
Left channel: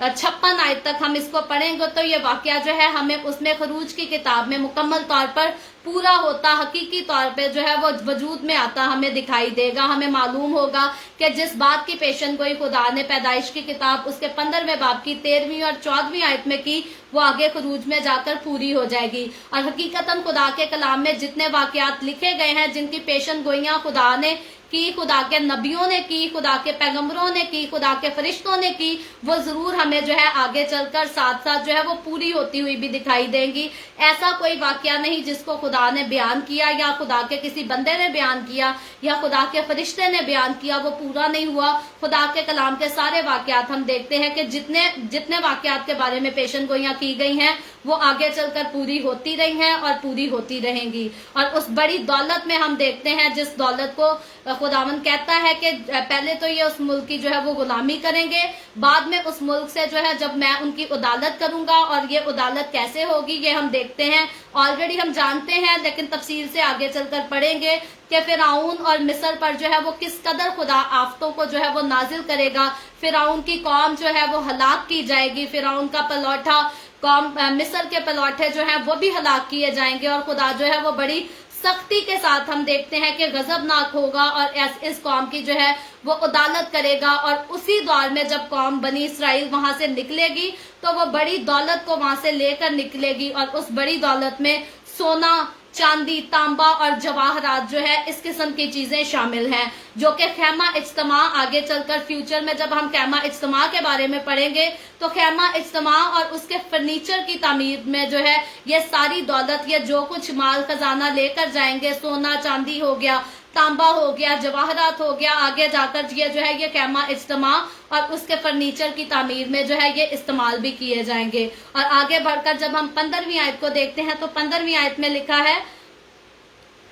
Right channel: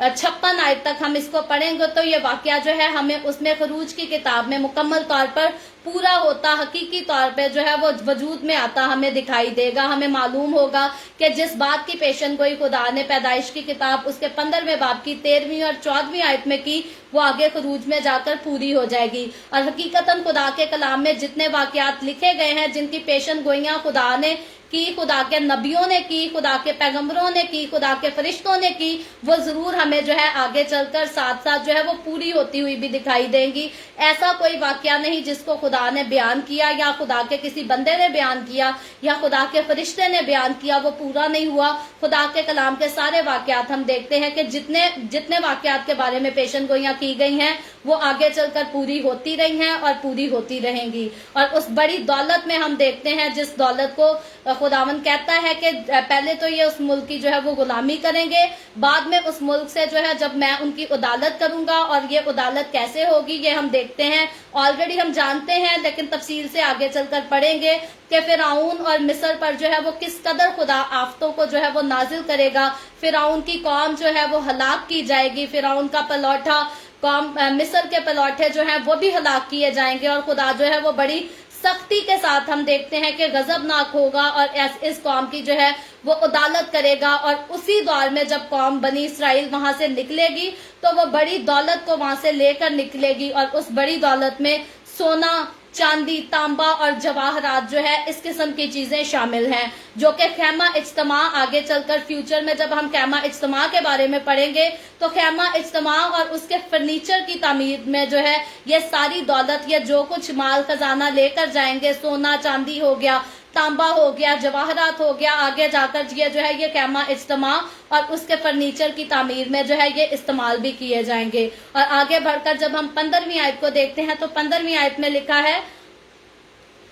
56 आयत तक हम इसको पढ़ेंगे, तो ये वाकया जो है हमें उसमें खरूज की किताब में मुकम्मल तौर पर पूरा होता, हकीकी तौर पे जो है वो वजूद में आता हमें दिखाई देगा। हमें मालूम होगा कि जिस बात की पेशन गोई खुदा ने पैदाइश की किताब उसके 15वें बाब की 13वीं और 14वीं आयत में की, वो आगे खरूज में जाकर पूरी हो जाएगी। और हकीकतन खुदा के कलाम में जितने वाकयात लिखे गए हैं, जिनकी पेशन गोइयां खुदा ने की, खुदा के नबियों ने की, खुदा के पैगंबरों ने की, खुदा के फरिश्तों ने की, वो जरूर हमें जो है आगे चलकर साथ साथ जो है वो पूरी होती हुई भी दिखाई देंगी। ऐसा कोई वाकया नहीं जिसको खुदा ने बयान किया या खुदा के किसी बंदे ने बयान किया या खुदा के फरिश्ते ने बयान किया, वो पूरा नहीं हुआ। खुदा के कलाम के सारे वाकयात हम देखते हैं कि जितने वाकयात के बारे में पेशन गोइयां की गई हैं, वो आगे चलकर पूरी होती रही हैं और पूरी होती रहेंगी। और उस बड़ी दौलत में हम देखते हैं, जिस दौलत को खुदावन कहता है कि पहले तो ये उस मुल्क की जो है वो गुलामी करेंगे, बाद में उस मुल्क से जो है जब मैं उनकी उदालत करूंगा। और ये उदालत कैसे होगी ये हम देखते हैं, ऑलरेडी हम जानते हैं, लेकिन तफसील से आगे चलकर पढ़ेंगे कि फिरौन और मिस्र पर जो है वो किस कदर खुदा आफतों को जो है वो नाजिल करेगा। फिरौन की कौम जो है वो हलाक की जाएगी, फिरौन का पलौठा कौम, मिस्र के पलौठे जो हैं वो भी हलाक किए जाएंगे। और खुदा जो है वो बड़ी सख्ती के साथ हम देखते हैं कि गजबनाक होगा और इस कौम की जो है वो अदालत करेगा। और उसी दौर में जब कौम बनी इसराइल वहां से निकलेगी, तो वो बड़ी दौलत को वहां से लेकर निकलेगी। और उस बड़ी दौलत में सोना, चांदी, तांबा और जवाहरात जो है, इस किस्म की चीजें शामिल हैं, जो कि खैमा इज्तिमा आगे चलकर फ्यूचर में जब हम खैमा इज्तिमा के बारे में पढ़ेंगे, तो खैमा इज्तिमा और उसके फर्नीचर की तामीर में जो है ये सारी दौलत, ये जो कुछ माल खजाना लेकर जाएंगे, सोना चांदी हो गया, तांबा हो गया, जवाहरात हो गया, आगे जाकर ये जो है ये खैमा इज्तिमा और उसके फर्नीचर की तामीर में जो है ये इस्तेमाल भी किए जाएंगे। और आगे बढ़कर जब हम 15वीं आयत को देखते हैं, तो 15वीं आयत में लिखा है,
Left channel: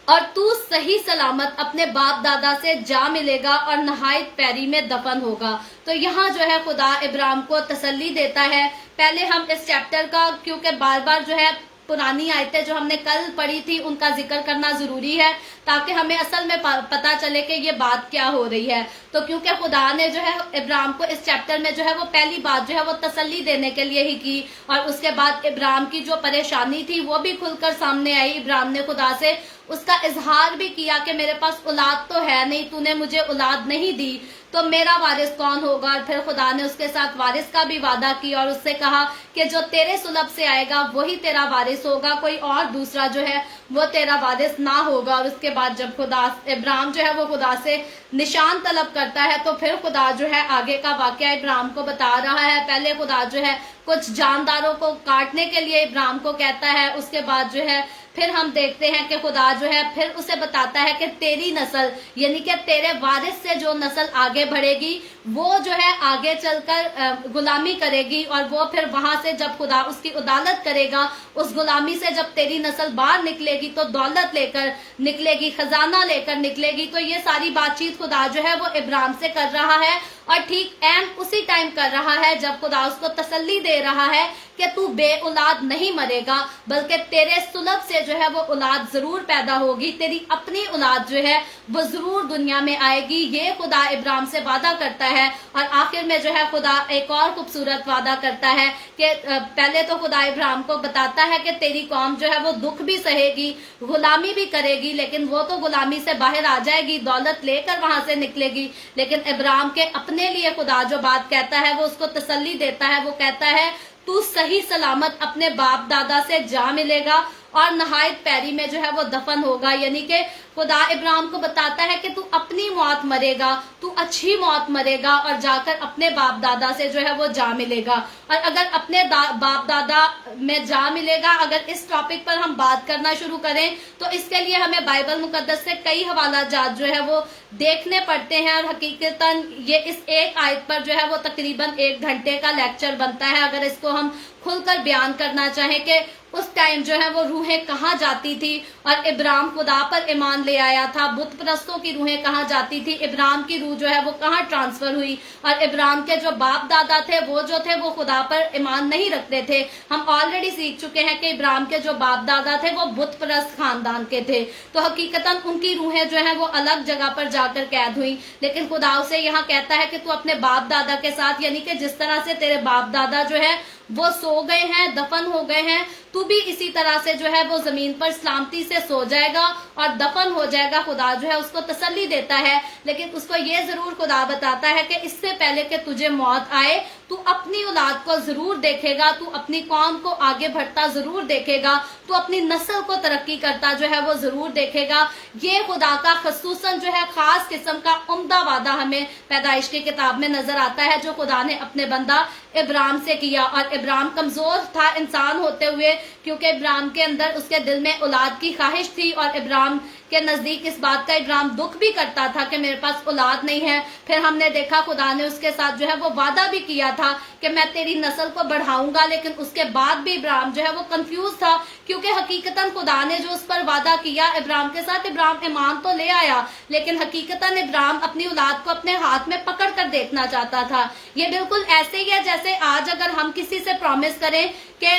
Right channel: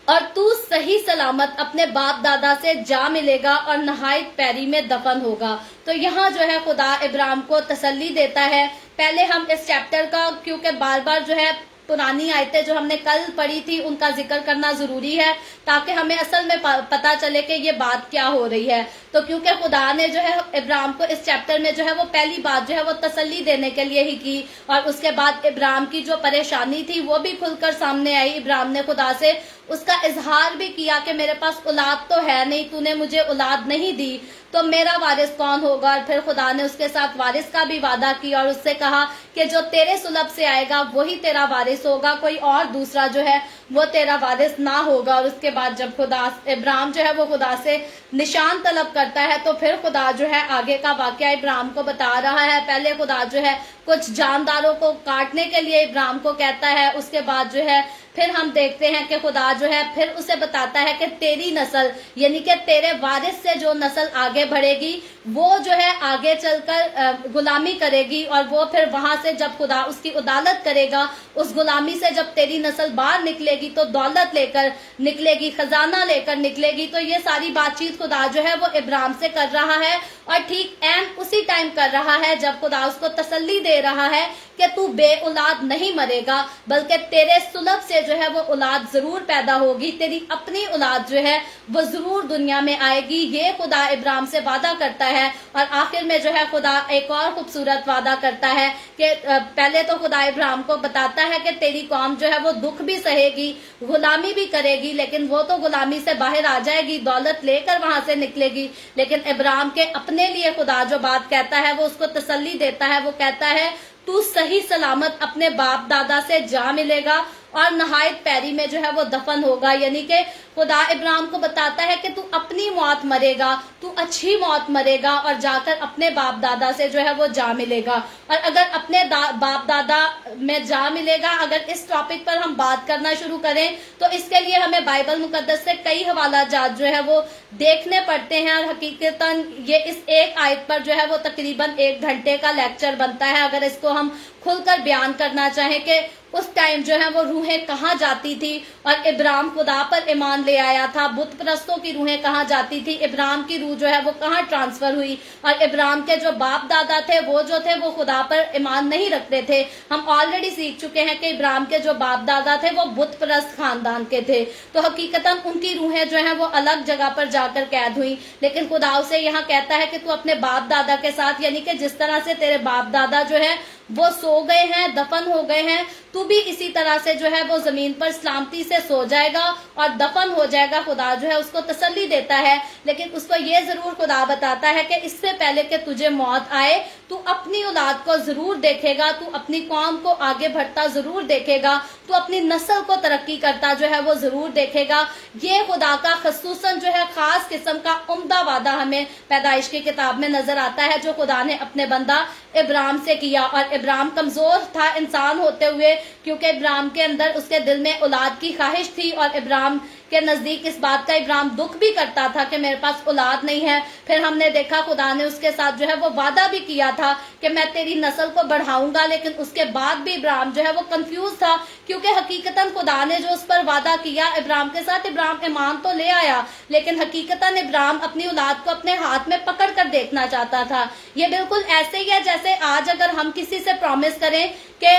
और तू सही सलामत अपने बाप दादा से जा मिलेगा और नहायत पैरी में दफन होगा। तो यहाँ जो है खुदा इब्राहिम को तसल्ली देता है। पहले हम इस चैप्टर का, क्योंकि बार बार जो है पुरानी आयतें जो हमने कल पढ़ी थी उनका जिक्र करना जरूरी है, ताकि हमें असल में पता चले कि ये बात क्या हो रही है। तो क्योंकि खुदा ने जो है इब्राहिम को इस चैप्टर में जो है वो पहली बात जो है वो तसल्ली देने के लिए ही की, और उसके बाद इब्राहिम की जो परेशानी थी वो भी खुलकर सामने आई। इब्राहिम ने खुदा से उसका इजहार भी किया कि मेरे पास औलाद तो है नहीं, तूने मुझे औलाद नहीं दी, तो मेरा वारिस कौन होगा। और फिर खुदा ने उसके साथ वारिस का भी वादा किया और उससे कहा कि जो तेरे सुलभ से आएगा वही तेरा वारिस होगा, कोई और दूसरा जो है वो तेरा वारिस ना होगा। और उसके बाद जब खुदा इब्राहिम जो है वो खुदा से निशान तलब करता है, तो फिर खुदा जो है आगे का वाकया इब्राहिम को बता रहा है। पहले खुदा जो है कुछ जानदारों को काटने के लिए इब्राहिम को कहता है, उसके बाद जो है फिर हम देखते हैं कि खुदा जो है फिर उसे बताता है कि तेरी नस्ल, यानी कि तेरे वारिस से जो नस्ल आगे बढ़ेगी वो जो है आगे चलकर गुलामी करेगी। और वो फिर वहां से जब खुदा उसकी अदालत करेगा, उस गुलामी से जब तेरी नस्ल बाहर निकलेगी तो दौलत लेकर निकलेगी, खजाना लेकर निकलेगी। तो ये सारी बातचीत खुदा जो है वो इब्राहिम से कर रहा है, और ठीक एम उसी टाइम कर रहा है जब खुदा उसको तसल्ली दे रहा है कि तू बे औलाद नहीं मरेगा, बल्कि तेरे सुलभ से जो है वो औलाद जरूर पैदा होगी, तेरी अपनी औलाद जो है वो जरूर दुनिया में आएगी। ये खुदा इब्राहिम से वादा करता है। और आखिर में जो है खुदा एक और खूबसूरत वादा करता है कि पहले तो खुदा इब्राहिम को बताता है कि तेरी कौम जो है वो दुख भी सहेगी, गुलामी भी करेगी, लेकिन वो तो गुलामी से बाहर आ जाएगी, दौलत लेकर वहां से निकलेगी। लेकिन इब्राहिम के अपने लिए खुदा जो बात कहता है वो उसको तसल्ली देता है। वो कहता है तू सही सलामत अपने बाप दादा से जा मिलेगा और नहायत पैरी में जो है वो दफन होगा। यानी कि खुदा इब्राहिम को बताता है कि तू अपनी मौत मरेगा, तू अच्छी मौत मरेगा और जाकर अपने बाप दादा से जो है वो जा मिलेगा। और अगर अपने बाप दादा में जा मिलेगा, अगर इस टॉपिक पर हम बात करना शुरू करें तो इसके लिए हमें बाइबल मुकद्दस से कई हवाला जात जो है वो देखने पड़ते हैं। और हकीकतन ये इस एक आयत पर जो है वो तकरीबन 1 घंटे का लेक्चर बनता है, अगर इसको हम खुलकर बयान करना चाहें कि उस टाइम जो है वो रूहें कहाँ जाती थी। और इब्राहिम खुदा पर ईमान ले आया था, बुत परस्तों की रूहें कहाँ जाती थी, इब्राहिम की रूह जो है वो कहाँ ट्रांसफर हुई। और इब्राहिम के जो बाप दादा थे वो जो थे वो खुदा पर ईमान नहीं रखते थे। हम ऑलरेडी सीख चुके हैं कि इब्राहिम के जो बाप दादा थे वो बुत परस्त खानदान के थे, तो हकीकतन उनकी रूहें जो है वो अलग जगह पर जाकर कैद हुई। लेकिन खुदा उसे यहाँ कहता है कि तू अपने बाप दादा के साथ, यानी कि जिस तरह से तेरे बाप दादा जो है वो सो गए हैं, दफन हो गए हैं, तू भी इसी तरह से जो है वो जमीन पर सलामती से सो जाएगा और दफन हो जाएगा। खुदा जो है उसको तसल्ली देता है, लेकिन उसको ये जरूर खुदा बताता है कि इससे पहले कि तुझे मौत आए तू अपनी औलाद को जरूर देखेगा, तू अपनी कौम को आगे बढ़ता जरूर देखेगा, तू अपनी नस्ल को तरक्की करता जो है वो जरूर देखेगा। ये खुदा का खसूसन जो है खास किस्म का उम्दा वादा हमें पैदाइश की किताब में नजर आता है, जो खुदा ने अपने बंदा इब्राहिम से किया। और इब्राहिम कमजोर था इंसान होते हुए, क्योंकि इब्राहिम के अंदर उसके दिल में औलाद की ख्वाहिश थी, और इब्राहिम के नजदीक इस बात का इब्राहिम दुख भी करता था कि मेरे पास औलाद नहीं है। फिर हमने देखा खुदा ने उसके साथ जो है वो वादा भी किया था कि मैं तेरी नस्ल को बढ़ाऊंगा, लेकिन उसके बाद भी इब्राहिम जो है वो कंफ्यूज था, क्योंकि हकीकतन खुदा ने जो उस पर वादा किया इब्राहिम के साथ, इब्राहिम ईमान तो ले आया, लेकिन हकीकतन इब्राहिम अपनी औलाद को अपने हाथ में पकड़ कर देखना चाहता था। ये बिल्कुल ऐसे ही है जैसे आज अगर हम किसी से प्रॉमिस करें कि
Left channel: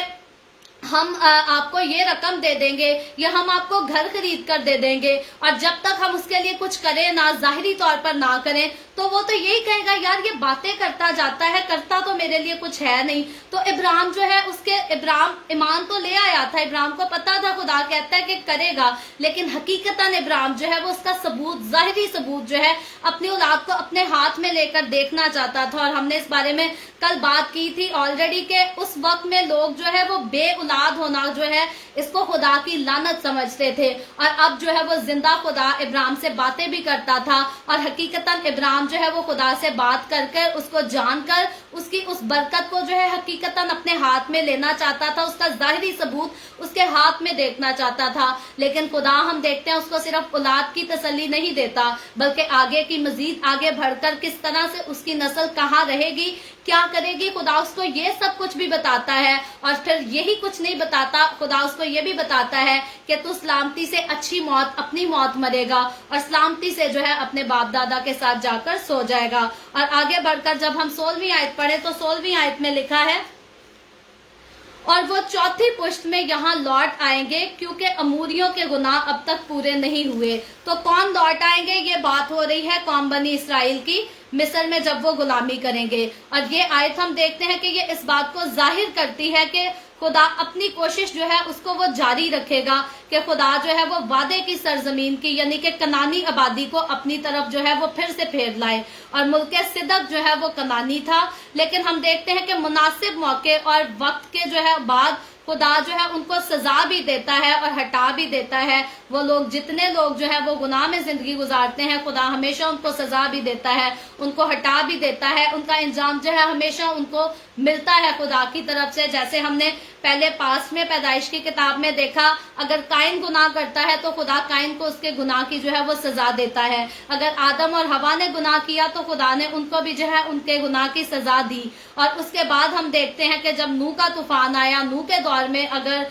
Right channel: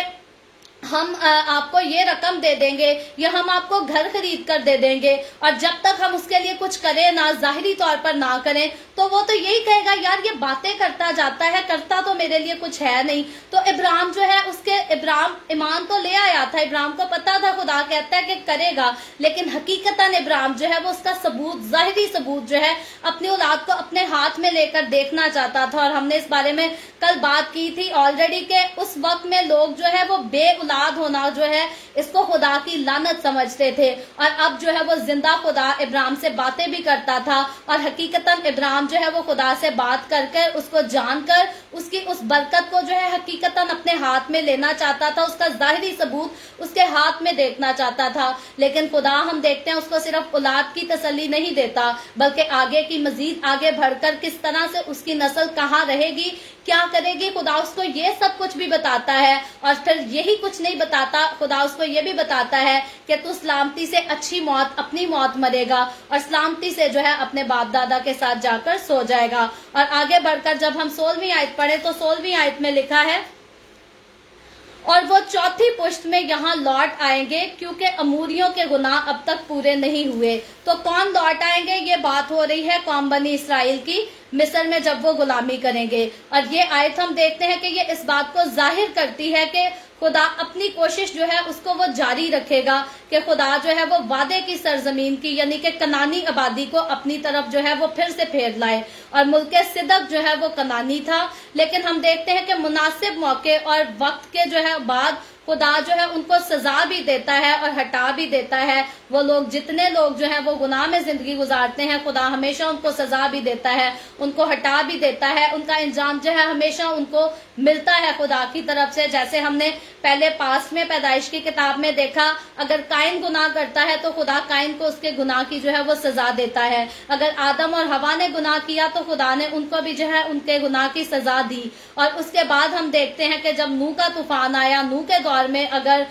हम आपको ये रकम दे देंगे या हम आपको घर खरीद कर दे देंगे, और जब तक हम उसके लिए कुछ करें ना, जाहिरी तौर पर ना करें, तो वो तो यही कहेगा यार ये बातें करता जाता है, करता तो मेरे लिए कुछ है नहीं। तो इब्राहिम जो है इब्राहिम ईमान तो ले आया था, इब्राहिम को पता था खुदा कहता है कि करेगा, लेकिन हकीकतन इब्राहिम जो है वो उसका सबूत, जाहिरी सबूत जो है अपनी औलाद को अपने हाथ में लेकर देखना चाहता था। और हमने इस बारे में कल बात की थी ऑलरेडी कि उस वक्त में लोग जो है वो बे औलाद होना जो है इसको खुदा की लानत समझते थे, और अब जो है वो जिंदा खुदा इब्राहिम से बातें भी करता था, और हकीकतन इब्राहिम जो है वो खुदा से बात कर उसको जानकर उसकी उस बरकत को जो है हकीकतन अपने हाथ में लेना चाहता था, उसका जाहिरी सबूत उसके हाथ में देखना चाहता था। लेकिन खुदा हम देखते हैं उसको सिर्फ औलाद की तसल्ली नहीं देता, बल्कि आगे की मजीद आगे बढ़कर किस तरह से उसकी नस्ल कहाँ रहेगी, क्या करेगी, खुदा उसको ये सब कुछ भी बताता है। और फिर यही कुछ नहीं बताता, खुदा उसको ये भी बताता है कि तू सलामती से अच्छी मौत, अपनी मौत मरेगा, और सलामती से जो है अपने बाप दादा के साथ जाकर सो जाएगा। और आगे बढ़कर जब हम 16वीं आयत पढ़े तो 16वीं आयत में लिखा है, और वो चौथी पुश्त में यहाँ लौट आएंगे क्योंकि अमूरियों के गुनाह अब तक पूरे नहीं हुए। तो कौन लौट आएंगे, ये बात हो रही है कौम बनी इसराइल की, मिस्र में जब वो गुलामी करेंगे। और ये आयत हम देखते हैं कि ये इस बात को जाहिर करती है कि खुदा अपनी कोशिश जो है उसको वो जारी रखेगा, कि खुदा जो है वो वादे की सरजमीन की यानी कि कनानी आबादी को अपनी तरफ जो है वो फिर से फेर लाए। और मुल्क सिदक जो है वो कनानी था, लेकिन हम देखते हैं कि मुनासिब मौके और वक्त के जो है बाद खुदा जो है उनको सजा भी देता है और हटा भी देता है। वो लोग, जितने लोग जो है वो गुनाह में जिंदगी गुजारते हैं, खुदा हमेशा उनको सजा भी देता है, उनको हटा भी देता है, उनका इंजाम जो है हमेशा उनको मिलता है खुदा की तरफ से। जैसे हमने पहले पास में पैदाइश की किताब में देखा, अगर काइन गुनाह करता है तो खुदा काइन को उसके गुनाह की जो है वो सजा देता है। अगर आदम और हवा ने गुनाह किया तो खुदा ने उनको भी जो है उनके गुनाह की सजा दी। और उसके बाद हम देखते हैं कि जब नूह का तूफान आया, नूह के दौर में अगर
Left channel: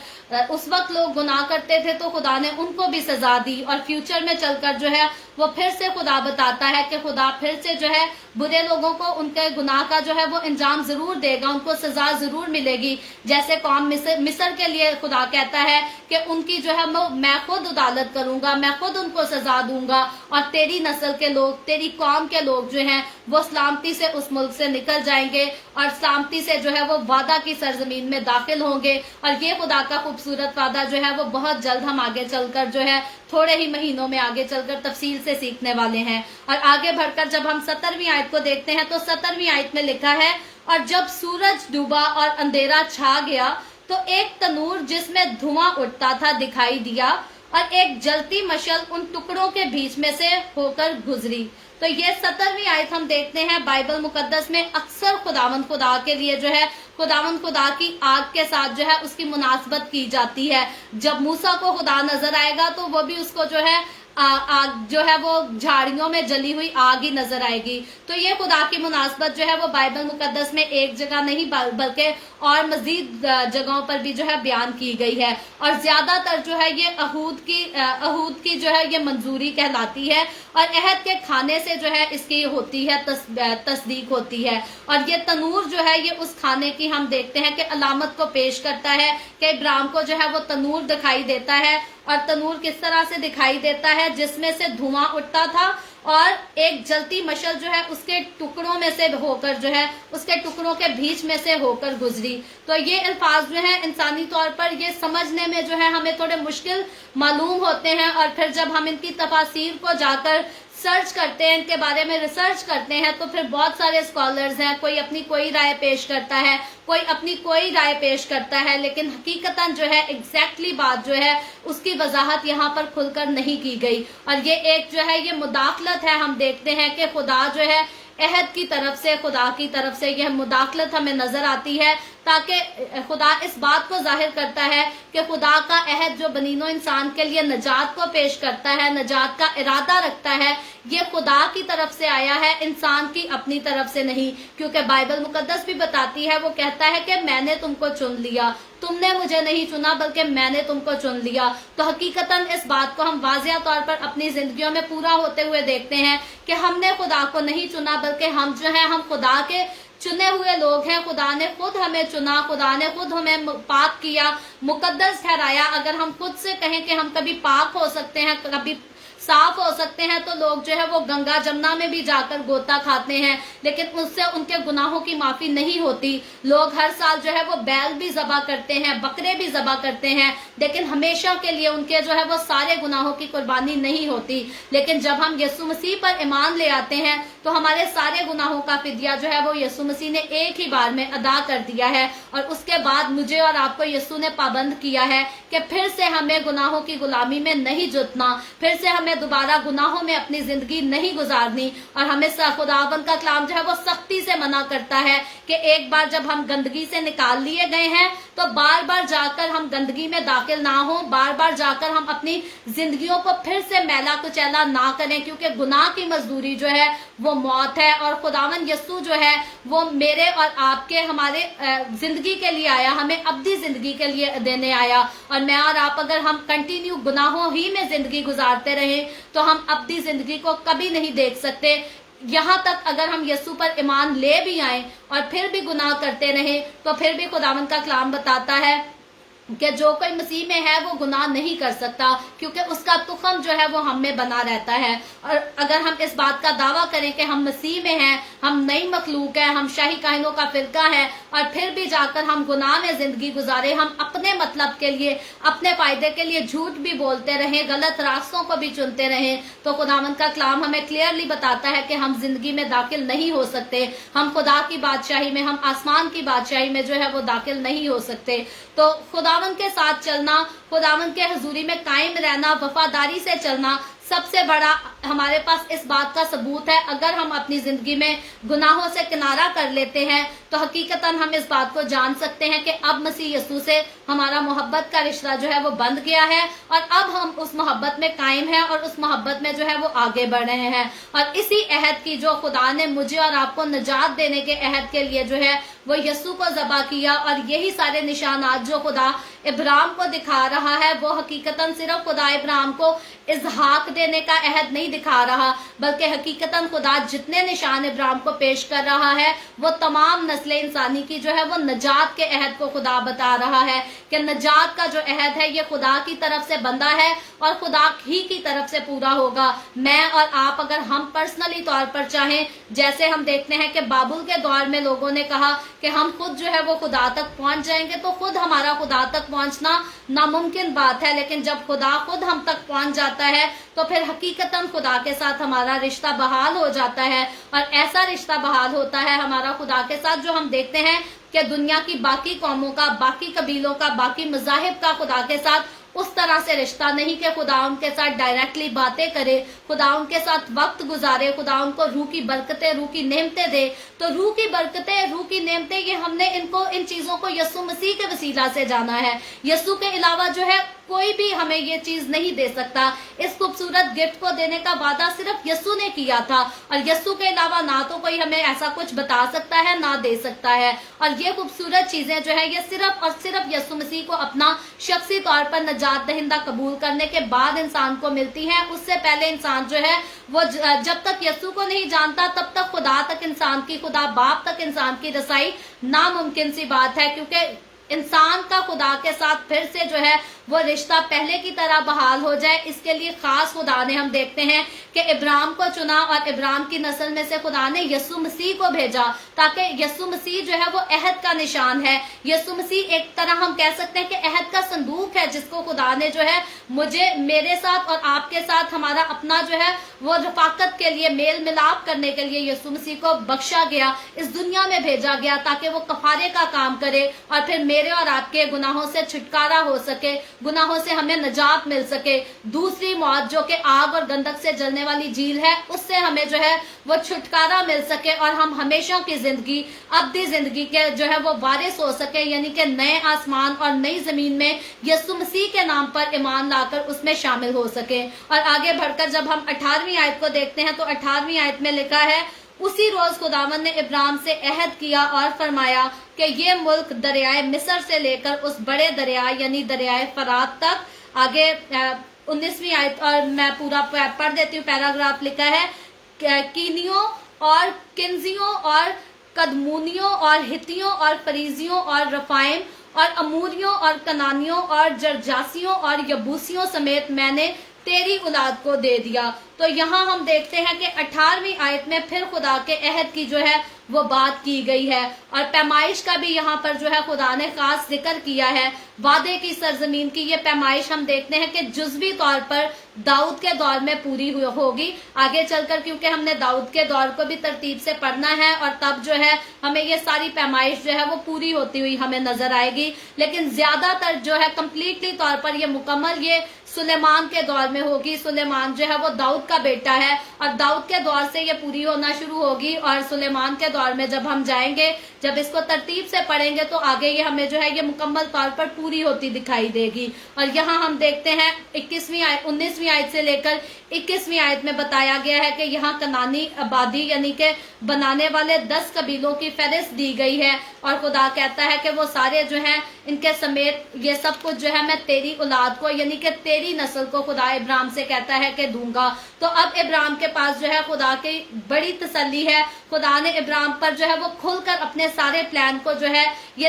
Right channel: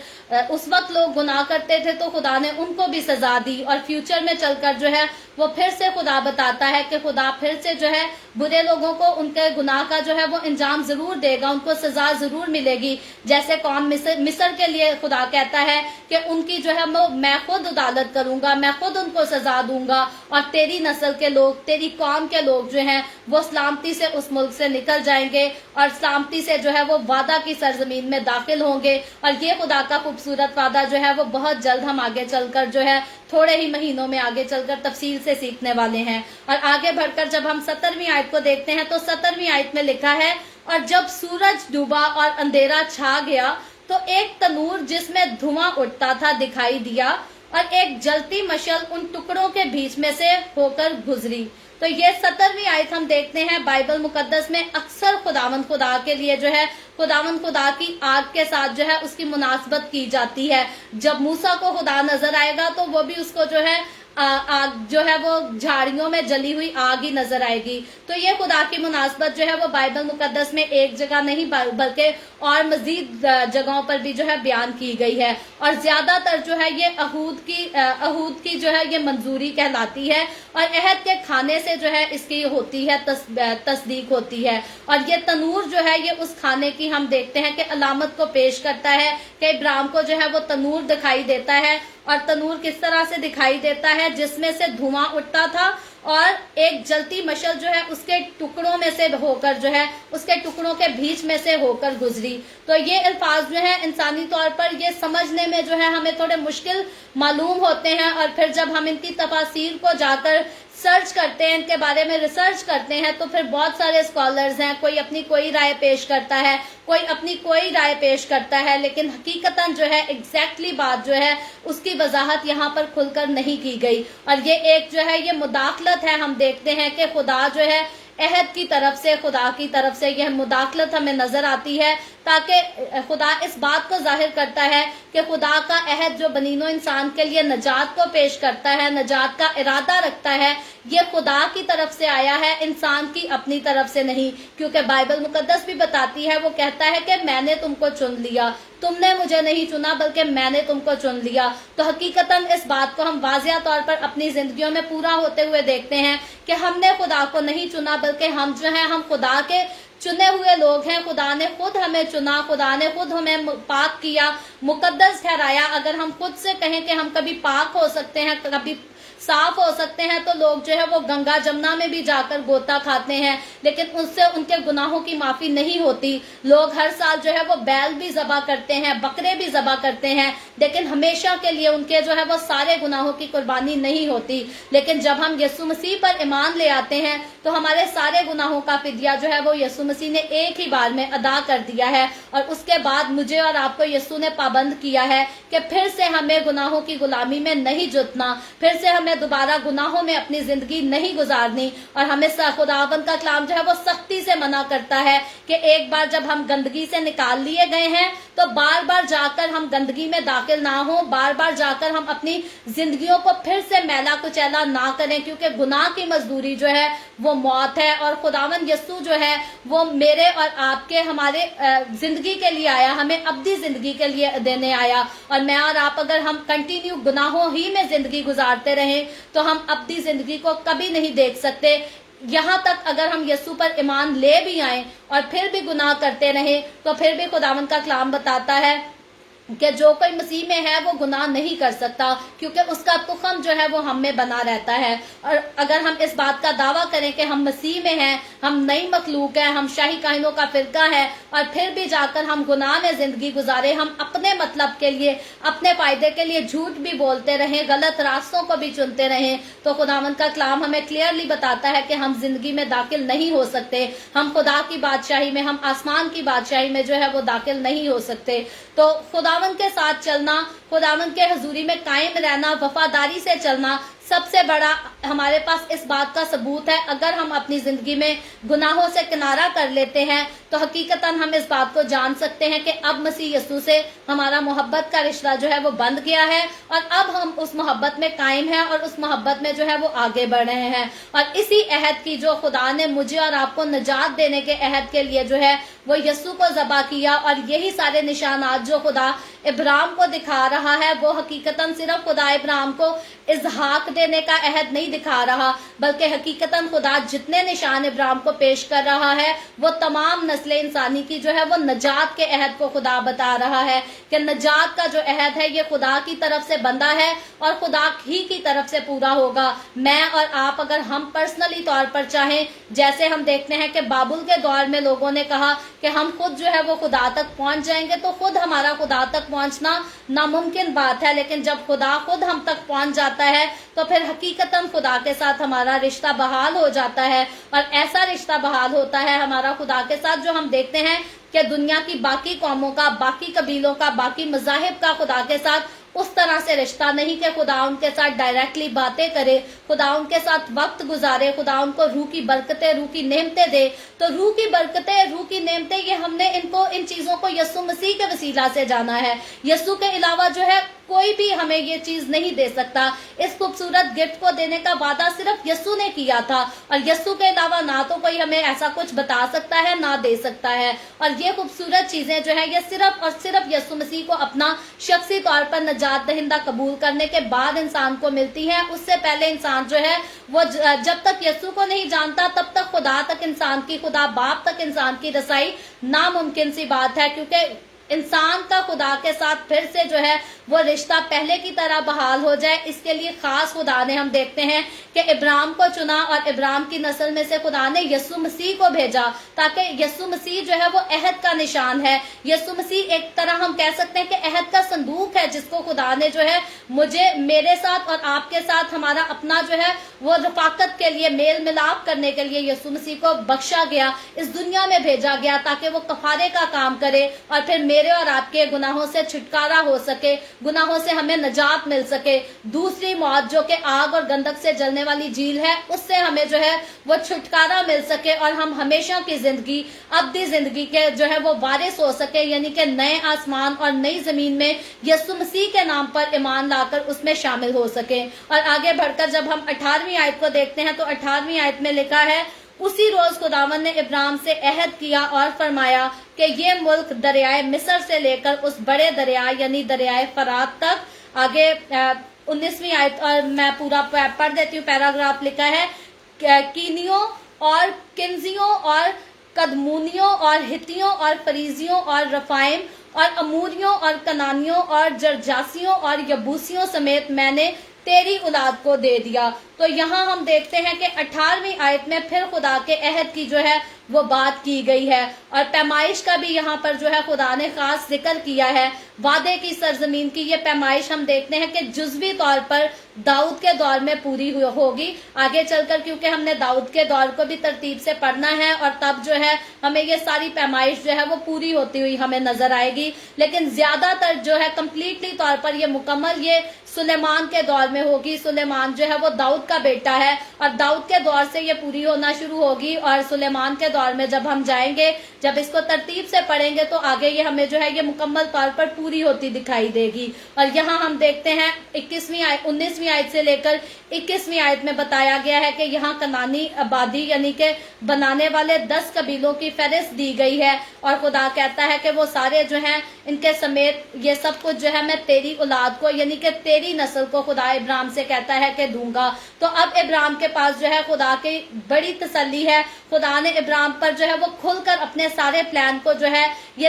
उस वक्त लोग गुनाह करते थे तो खुदा ने उनको भी सजा दी। और फ्यूचर में चलकर जो है वो फिर से खुदा बताता है कि खुदा फिर से जो है बुरे लोगों को उनके गुनाह का जो है वो इंजाम जरूर देगा, उनको सजा जरूर मिलेगी। जैसे कौम मिस्र के लिए खुदा कहता है कि उनकी जो है मैं खुद अदालत करूंगा, मैं खुद उनको सजा दूंगा, और तेरी नस्ल के लोग, तेरी कौम के लोग जो हैं वो सलामती से उस मुल्क से निकल जाएंगे और सलामती से जो है वो वादा की सरजमीन में दाखिल होंगे। और ये खुदा का खूबसूरत वादा जो है वो बहुत जल्द हम आगे चलकर जो है थोड़े ही महीनों में आगे चलकर तफसील से सीखने वाले हैं। और आगे बढ़कर जब हम 17वीं आयत को देखते हैं तो 17वीं आयत में लिखा है, और जब सूरज डूबा और अंधेरा छा गया तो एक तनूर जिसमें धुआं उठता था दिखाई दिया, और एक जलती मशल उन टुकड़ों के बीच में से होकर गुजरी। तो ये 17वीं आयत हम देखते हैं बाइबल मुकद्दस में अक्सर खुदावंद खुदा के लिए जो है खुदावंद खुदा की आग के साथ जो है उसकी मुनासबत की जाती है। जब मूसा को खुदा नजर आएगा तो वो भी उसको जो है आग जो है वो झाड़ियों में जली हुई आग ही नजर आएगी। तो ये खुदा की मुनासबत जो है वो बाइबल मुकद्दस में एक जगह नहीं बल्कि और मजीद जगहों पर भी जो है बयान की गई है। और ज्यादातर जो है ये अहूद की जो है ये मंजूरी कहलाती है, और अहद के खाने से जो है इसकी होती है तस्दीक होती है। और ये तनूर जो है ये उस खाने की हम देखते हैं कि अलामत को पेश करता है कि इब्राहिम को जो है वो तनूर दिखाई देता है। और तनूर किस तरह से दिखाई देता है, जिसमें से धुआं उठता था और एक जलती मशल जो है उसके टुकड़ों में से होकर जो है उसके टुकड़ों के बीच में से होकर गुजरी। तो ये अल्फाज जो है इंसानी तौर पर ये समझने में जो है हमें थोड़े मुश्किल मालूम होते हैं, और फिर जब हम इनकी तफासीर को जाकर सर्च करते हैं, इनके बारे में रिसर्च करते हैं, तो फिर बहुत सारे स्कॉलर्स हैं, कोई अपनी कोई राय पेश करता है, कोई अपनी कोई राय पेश करता है, लेकिन हकीकतन जो है एग्जैक्टली बात जो है उसकी वजाहत यहाँ पर खुलकर नहीं की गई। और ये एक जो है ये मुदाखलत है। हम देखते हैं कि खुदा जो है अहद की तरफ से, खुदा की तरफ से यह मुदाखलत हमें नजर आती है, ताकि खुदा इस बात को जाहिर करता है कि खुदा का अहद जो बनीनो इंसान के लिए नजात को पेश करता है, नजात का इरादा रखता है, ये खुदा की तरफ से आया है, इंसान की अपनी तरफ से नहीं। क्योंकि बाइबल मुकद्दस भी बताती है, वो कहता है कि मैंने तुमको चुन लिया, तुमने मुझे नहीं चुना बल्कि मैंने तुमको चुन लिया। तो हकीकतन इस बात को हम वाज़िया तौर पर अपनी जिंदगियों में पूरा होते हुए देखते हैं कि हमने खुदा को नहीं चुना, बल्कि हम जो है हम खुदा के चुने हुए लोग हैं। खुदा ने खुद हमें चुना, खुदा ने खुद हमें पाक किया, मुकद्दस ठहराया। अगर हम खुद से कहें कि हम कभी पाक हो सकते हैं, कभी साफ हो सकते हैं, तो लोग जो है वो गंगा जमुना में भी जाकर गोता खाते हैं, लेकिन उससे उनके गुनाहों की माफी नहीं होती। लोग हर साल जो है वो बैल भी ज़बा करते हैं, बकरे भी ज़बा करते हैं, लेकिन हमेशा के लिए उनके जो है वो सारे गुनाहों की कुर्बानी नहीं होती। लेकिन जब हम यीशु मसीह पर ईमान ले आते हैं तो हमारे सारे गुनाहों का फिदिया जो है वो यीशु मसीह ने एक ही बार में अदा कर दिया है। और उसके बाद मुझे और आपको यीशु ने पाबंद किया है कि फिर से हमें गुनाहों की गुलामी में नहीं जुटना, फिर से हमें दोबारा गुनाहों में अपनी जिंदगी नहीं गुजारनी। और हमें खुदावंद का कलाम जो है वो सख्ती से मना करता है कि एक बार जब हम गंदगी से निकाल लिए गए हैं तो बार बार जाकर हम गंदगी में दाखिल ना हो, बार बार जाकर हम अपनी जिंदगियों को फिर से मैला कुचैला ना करें, क्योंकि गुनाह की मजदूरी जो है वो मौत है। और खुदावंद यीशु जो है वो मेरे और आपके हमारे जिंदगी के लिए आया, हमें अब्दी जिंदगी के लिए देने आया। और मैं और आप अगर हम कंटिन्यू गुनाहों ही में जिंदगी गुजारते रहे तो हम अब्दी जिंदगी को कभी नहीं देख सकते। यहाँ तक अगर हम यीशु पर ईमान ले भी आए और फिर भी गुनाह करते रहे तो फिर भी खुदावंद का कलाम बताता है कि जो कोई मसीह में है वो गुनाह नहीं कर सकता, क्योंकि उसका तुखम जो है वो हम में बना रहता है। और अगर हम इस बात का दावा करें कि हम मसीह में हैं, हम नई मखलूक है, हम शाही काहिनों का फिरका है, और फिर भी जाकर हम गुनाह में जिंदगी गुजारे, हम अपने मतलब के लिए, अपने फायदे के लिए झूठ भी बोलते रहे, गलत रास्तों को भी चुनते रहे, तो खुदावंद का कलाम हमें क्लियरली बताता है कि हम जिंदगी में दाखिल नहीं हो सकते। हम खुदा की बादशाही में, हम आसमान की बादशाही में जो है वो दाखिल नहीं हो सकते। तो खुदावंद के साथ चलना, खुदावंद के हजूरी में कायम रहना, वफादारी से चलना सबसे बड़ा हमारे पास इस बात का सबूत है। अगर हम अपनी जिंदगी में गुनाहों से किनारा कर लेते हैं तो हकीकतन हम इस बात को जान सकते हैं कि अब मसीह यीशु से हमारा मोहब्बत का रिश्ता जो है वो बंध गया है, और अब हम उस मोहब्बत में कायम हैं और उस मोहब्बत में जो है वो आगे बढ़ रहे हैं। और इसी अहद की जो खुदा ने मुझे और आपको निजात देने के अहद के लिए जो है वो यीशु को ज़बा किया, और यही सारे निशानात जो खुदा इब्राहिम को दिखा रहा है वो हकीकतन सिर्फ खुदा इब्राहिम को इज़हाक देने का अहद नहीं दिखा रहा, बल्कि हकीकतन खुदा जितने निशान इब्राहिम को पेश कर रहा है वो तमाम नस्ल इंसानी की जो है वो नजात के अहद को खुदा बता रहा है कि नजात का जो अहद है ये खुदा की तरफ से बंधा है और खुदा ही की तरफ से पूरा होगा। मैं और आप अगर हम पर्सनली तौर पर चाहें, जैसे हम देखते हैं कि बाबुल के दौर में लोगों ने कहा कि हम खुद जो है वो खुदा तक पहुंच जाएंगे, तो खुद हमारा खुदा तक पहुंचना नामुमकिन बात है। लेकिन जब खुदा खुद हम तक पहुंच जाता है तो फिर हकीकतन खुदा के साथ हमारा रिश्ता बहाल हो जाता है। और ऐसा रिश्ता बहाल होता है हमारा खुदा के साथ जो हम देखते हैं कि दुनिया की बाकी कौमों का, बाकी कबीलों का, बाकी मज़ाहिब का खुदा के साथ उस तरह से रिश्ता नहीं कि खुदा उनके साथ डायरेक्टली बातें करे, खुदा उनके साथ वक्त गुजारे, खुदा उनको रूह की बरकतें, रूह की नेमतें दे। तो रूह की बरकतें, रूह की नेमतें, ये हमने इन चीजों को यीशु मसीह के वसीला से जाना है। यीशु के अलावा जो है कोई भी हमें ये चीज नहीं दे सकता। इस खूबसूरत गिफ्ट को देने का वादा सिर्फ यीशु ने किया था, और यीशु के अलावा ना तो कोई हमें ऐसा कुछ बता सकता है ना दे सकता है। और ये खूबसूरत चीजें जो है ये सिर्फ और सिर्फ यीशु मसीह को अपना शख्सी तौर पर नजात दहिंदा कबूल करने के बाद इंसान को मिलती है। उससे पहले इंसान जो है वो जब तक यीशु को नहीं जानता तब तक खुदा तक इंसान की, खुदा बाप तक इंसान की रसाई नामुमकिन सी बात है, क्योंकि इंसान का खुदा के साथ फिर से जो है وہ رشتہ پہلے کی طرح بحال ہو جائے، اس کے لیے خاص خدا نے ہم دیکھتے ہیں کہ ابراہیم کو چنا اور ابراہیم کی نسل میں سے خدا نے یسوع مسیح کو بھیجا، تاکہ یسوع مسیح جو ہے وہ عہد کا نشان ہے۔ یسوع مسیح ایک طرح ہم کہہ سکتے ہیں کہ عہد کا صندوق ہے، جس کو خدا نے جو ہے میرے ساتھ اور آپ کے ساتھ ہمارا اپنا جو ہے وہ رفاقت کے لیے، میل ملاپ کرنے کے لیے یسوع مسیح کو بخشا گیا، اس دنیا میں بھیجا گیا تاکہ وہ کفارے کا کام کرے اور پھر میرے اور آپ کے گناہوں سے چھٹکارا ہو سکے، گناہوں سے ہمیں نجات مل سکے، دوسری موت جو کہ آگ اور گندک سے جلنے والی جھیل ہے، اس سے ہمیں جو ہے وہ چھٹکارا مل سکے اور ہم ہمیشہ کی زندگی، ابدی زندگی کے جو ہے وہ وارث ہو سکے، یعنی کہ نئے آسمان اور نئی زمین میں یسوع مسیح کے نام پر ایمان لا کر اس میں شامل ہو سکے۔ اور آگے بڑھ کر جب ہم 18ویں آیت کو دیکھتے ہیں تو 18ویں آیت میں لکھا ہے، اسی روز خداوند نے ابراہیم سے عہد کیا اور فرمایا کہ یہ ملک دریائے مصر سے لے کر اس بڑے دریا یعنی دریائے فرات تک، آگے 19ویں آیت اور میں پورا پڑھ دیتی ہوں، پیراگراف لکھا ہے، کینیوں اور کنزیوں اور قدمونیوں اور ہتیوں اور فریزیوں اور رفائم اور اموریوں اور کنانیوں اور جرجاسیوں اور یبوسیوں سمیت میں نے تیری اولاد کو دے دیا۔ تو یہاں ہم دیکھتے ہیں کہ 18ویں آیت میں پھر خدا کے عہد کی جو ہے وہ بات کی گئی ہے، اور پیمائش کا بھی یہاں پر جو ہے خدا نے خاص ذکر کیا ہے۔ وعدے کی سرزمین کی یہ پیمائش ہم دیکھتے ہیں کہ جزوی طور پر داؤد کے دور میں پوری ہوگی، آگے چل کر کیونکہ ہم نے داؤد کے دور کو بھی ترتیب سے پڑھنا ہے، اور تب جو ہے ہمیں یہ ساری پیمائش جو ہے وہ پوری ہوتی ہوئی ہمیں نظر آئے گی، لیکن زیادہ تر جو ہے کمپلیٹلی طور پر یہ مکمل یہ سلیمان کے دور میں ہوگی۔ سلیمان جو ہے وہ داؤد کا بیٹا ہے، اور داؤد کے دور سے یہ پوری ہونا شروع ہوگی، اور سلیمان کے دور میں جب ہم جائیں گے، جب اس کو ترتیب سے پڑھیں گے تو آگے یہ ہمیں جو ہے یہ مکمل طور پر پوری ہوتی دکھائی دے گی۔ اور یہاں ہم دیکھتے ہیں 19ویں آیت سے لے کر 21ویں آیت میں بتایا گیا ہے کہ یہاں کنانی آبادی یعنی کہ بنانے والے 10 قبیلوں کی فہرست دی گئی ہے، اور خدا کہتا ہے کہ وہ سارے جو ہیں ان کے سمیت یہ سب کچھ جو ہے میں تیری اولاد کو یعنی کہ تیری نسل کو خدا ابراہیم سے کہتا ہے کہ دوں گا۔ تو اب ابراہیم کے پاس جو ہے خدا کی بڑی تسلی ہے، خدا نے ابراہیم پر جو ہے وہ کھل کر اپنے سارے پلان کو جو ہے یہ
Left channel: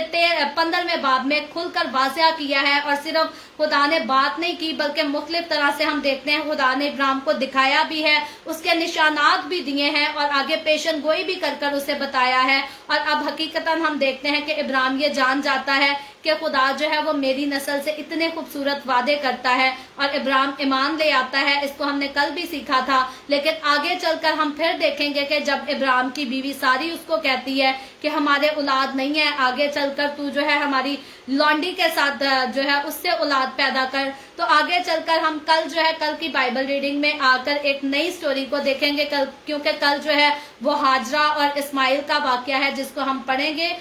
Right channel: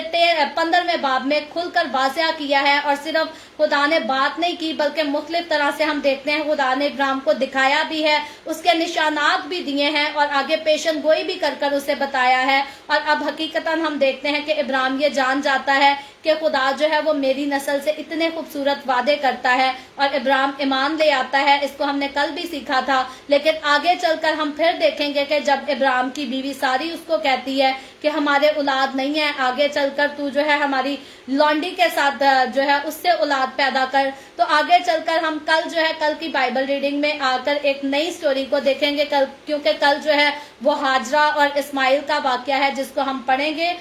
15ویں باب میں کھل کر واضح کیا ہے، اور صرف خدا نے بات نہیں کی بلکہ مختلف طرح سے ہم دیکھتے ہیں خدا نے ابراہیم کو دکھایا بھی ہے، اس کے نشانات بھی دیے ہیں، اور آگے پیشن گوئی بھی کر کر اسے بتایا ہے۔ اور اب حقیقتاً ہم دیکھتے ہیں کہ ابراہیم یہ جان جاتا ہے کہ خدا جو ہے وہ میری نسل سے اتنے خوبصورت وعدے کرتا ہے، اور ابراہیم ایمان لے آتا ہے۔ اس کو ہم نے کل بھی سیکھا تھا، لیکن آگے چل کر ہم پھر دیکھیں گے کہ جب ابراہیم کی بیوی ساری اس کو کہتی ہے کہ ہمارے اولاد نہیں ہے، آگے چل کر تو جو ہے ہماری لونڈی کے ساتھ جو ہے اس سے اولاد پیدا کر، تو آگے چل کر ہم کل کی بائبل ریڈنگ میں آ کر ایک نئی سٹوری کو دیکھیں گے، کیونکہ کل جو ہے وہ ہاجرہ اور اسماعیل کا واقعہ ہے جس کو ہم پڑھیں گے۔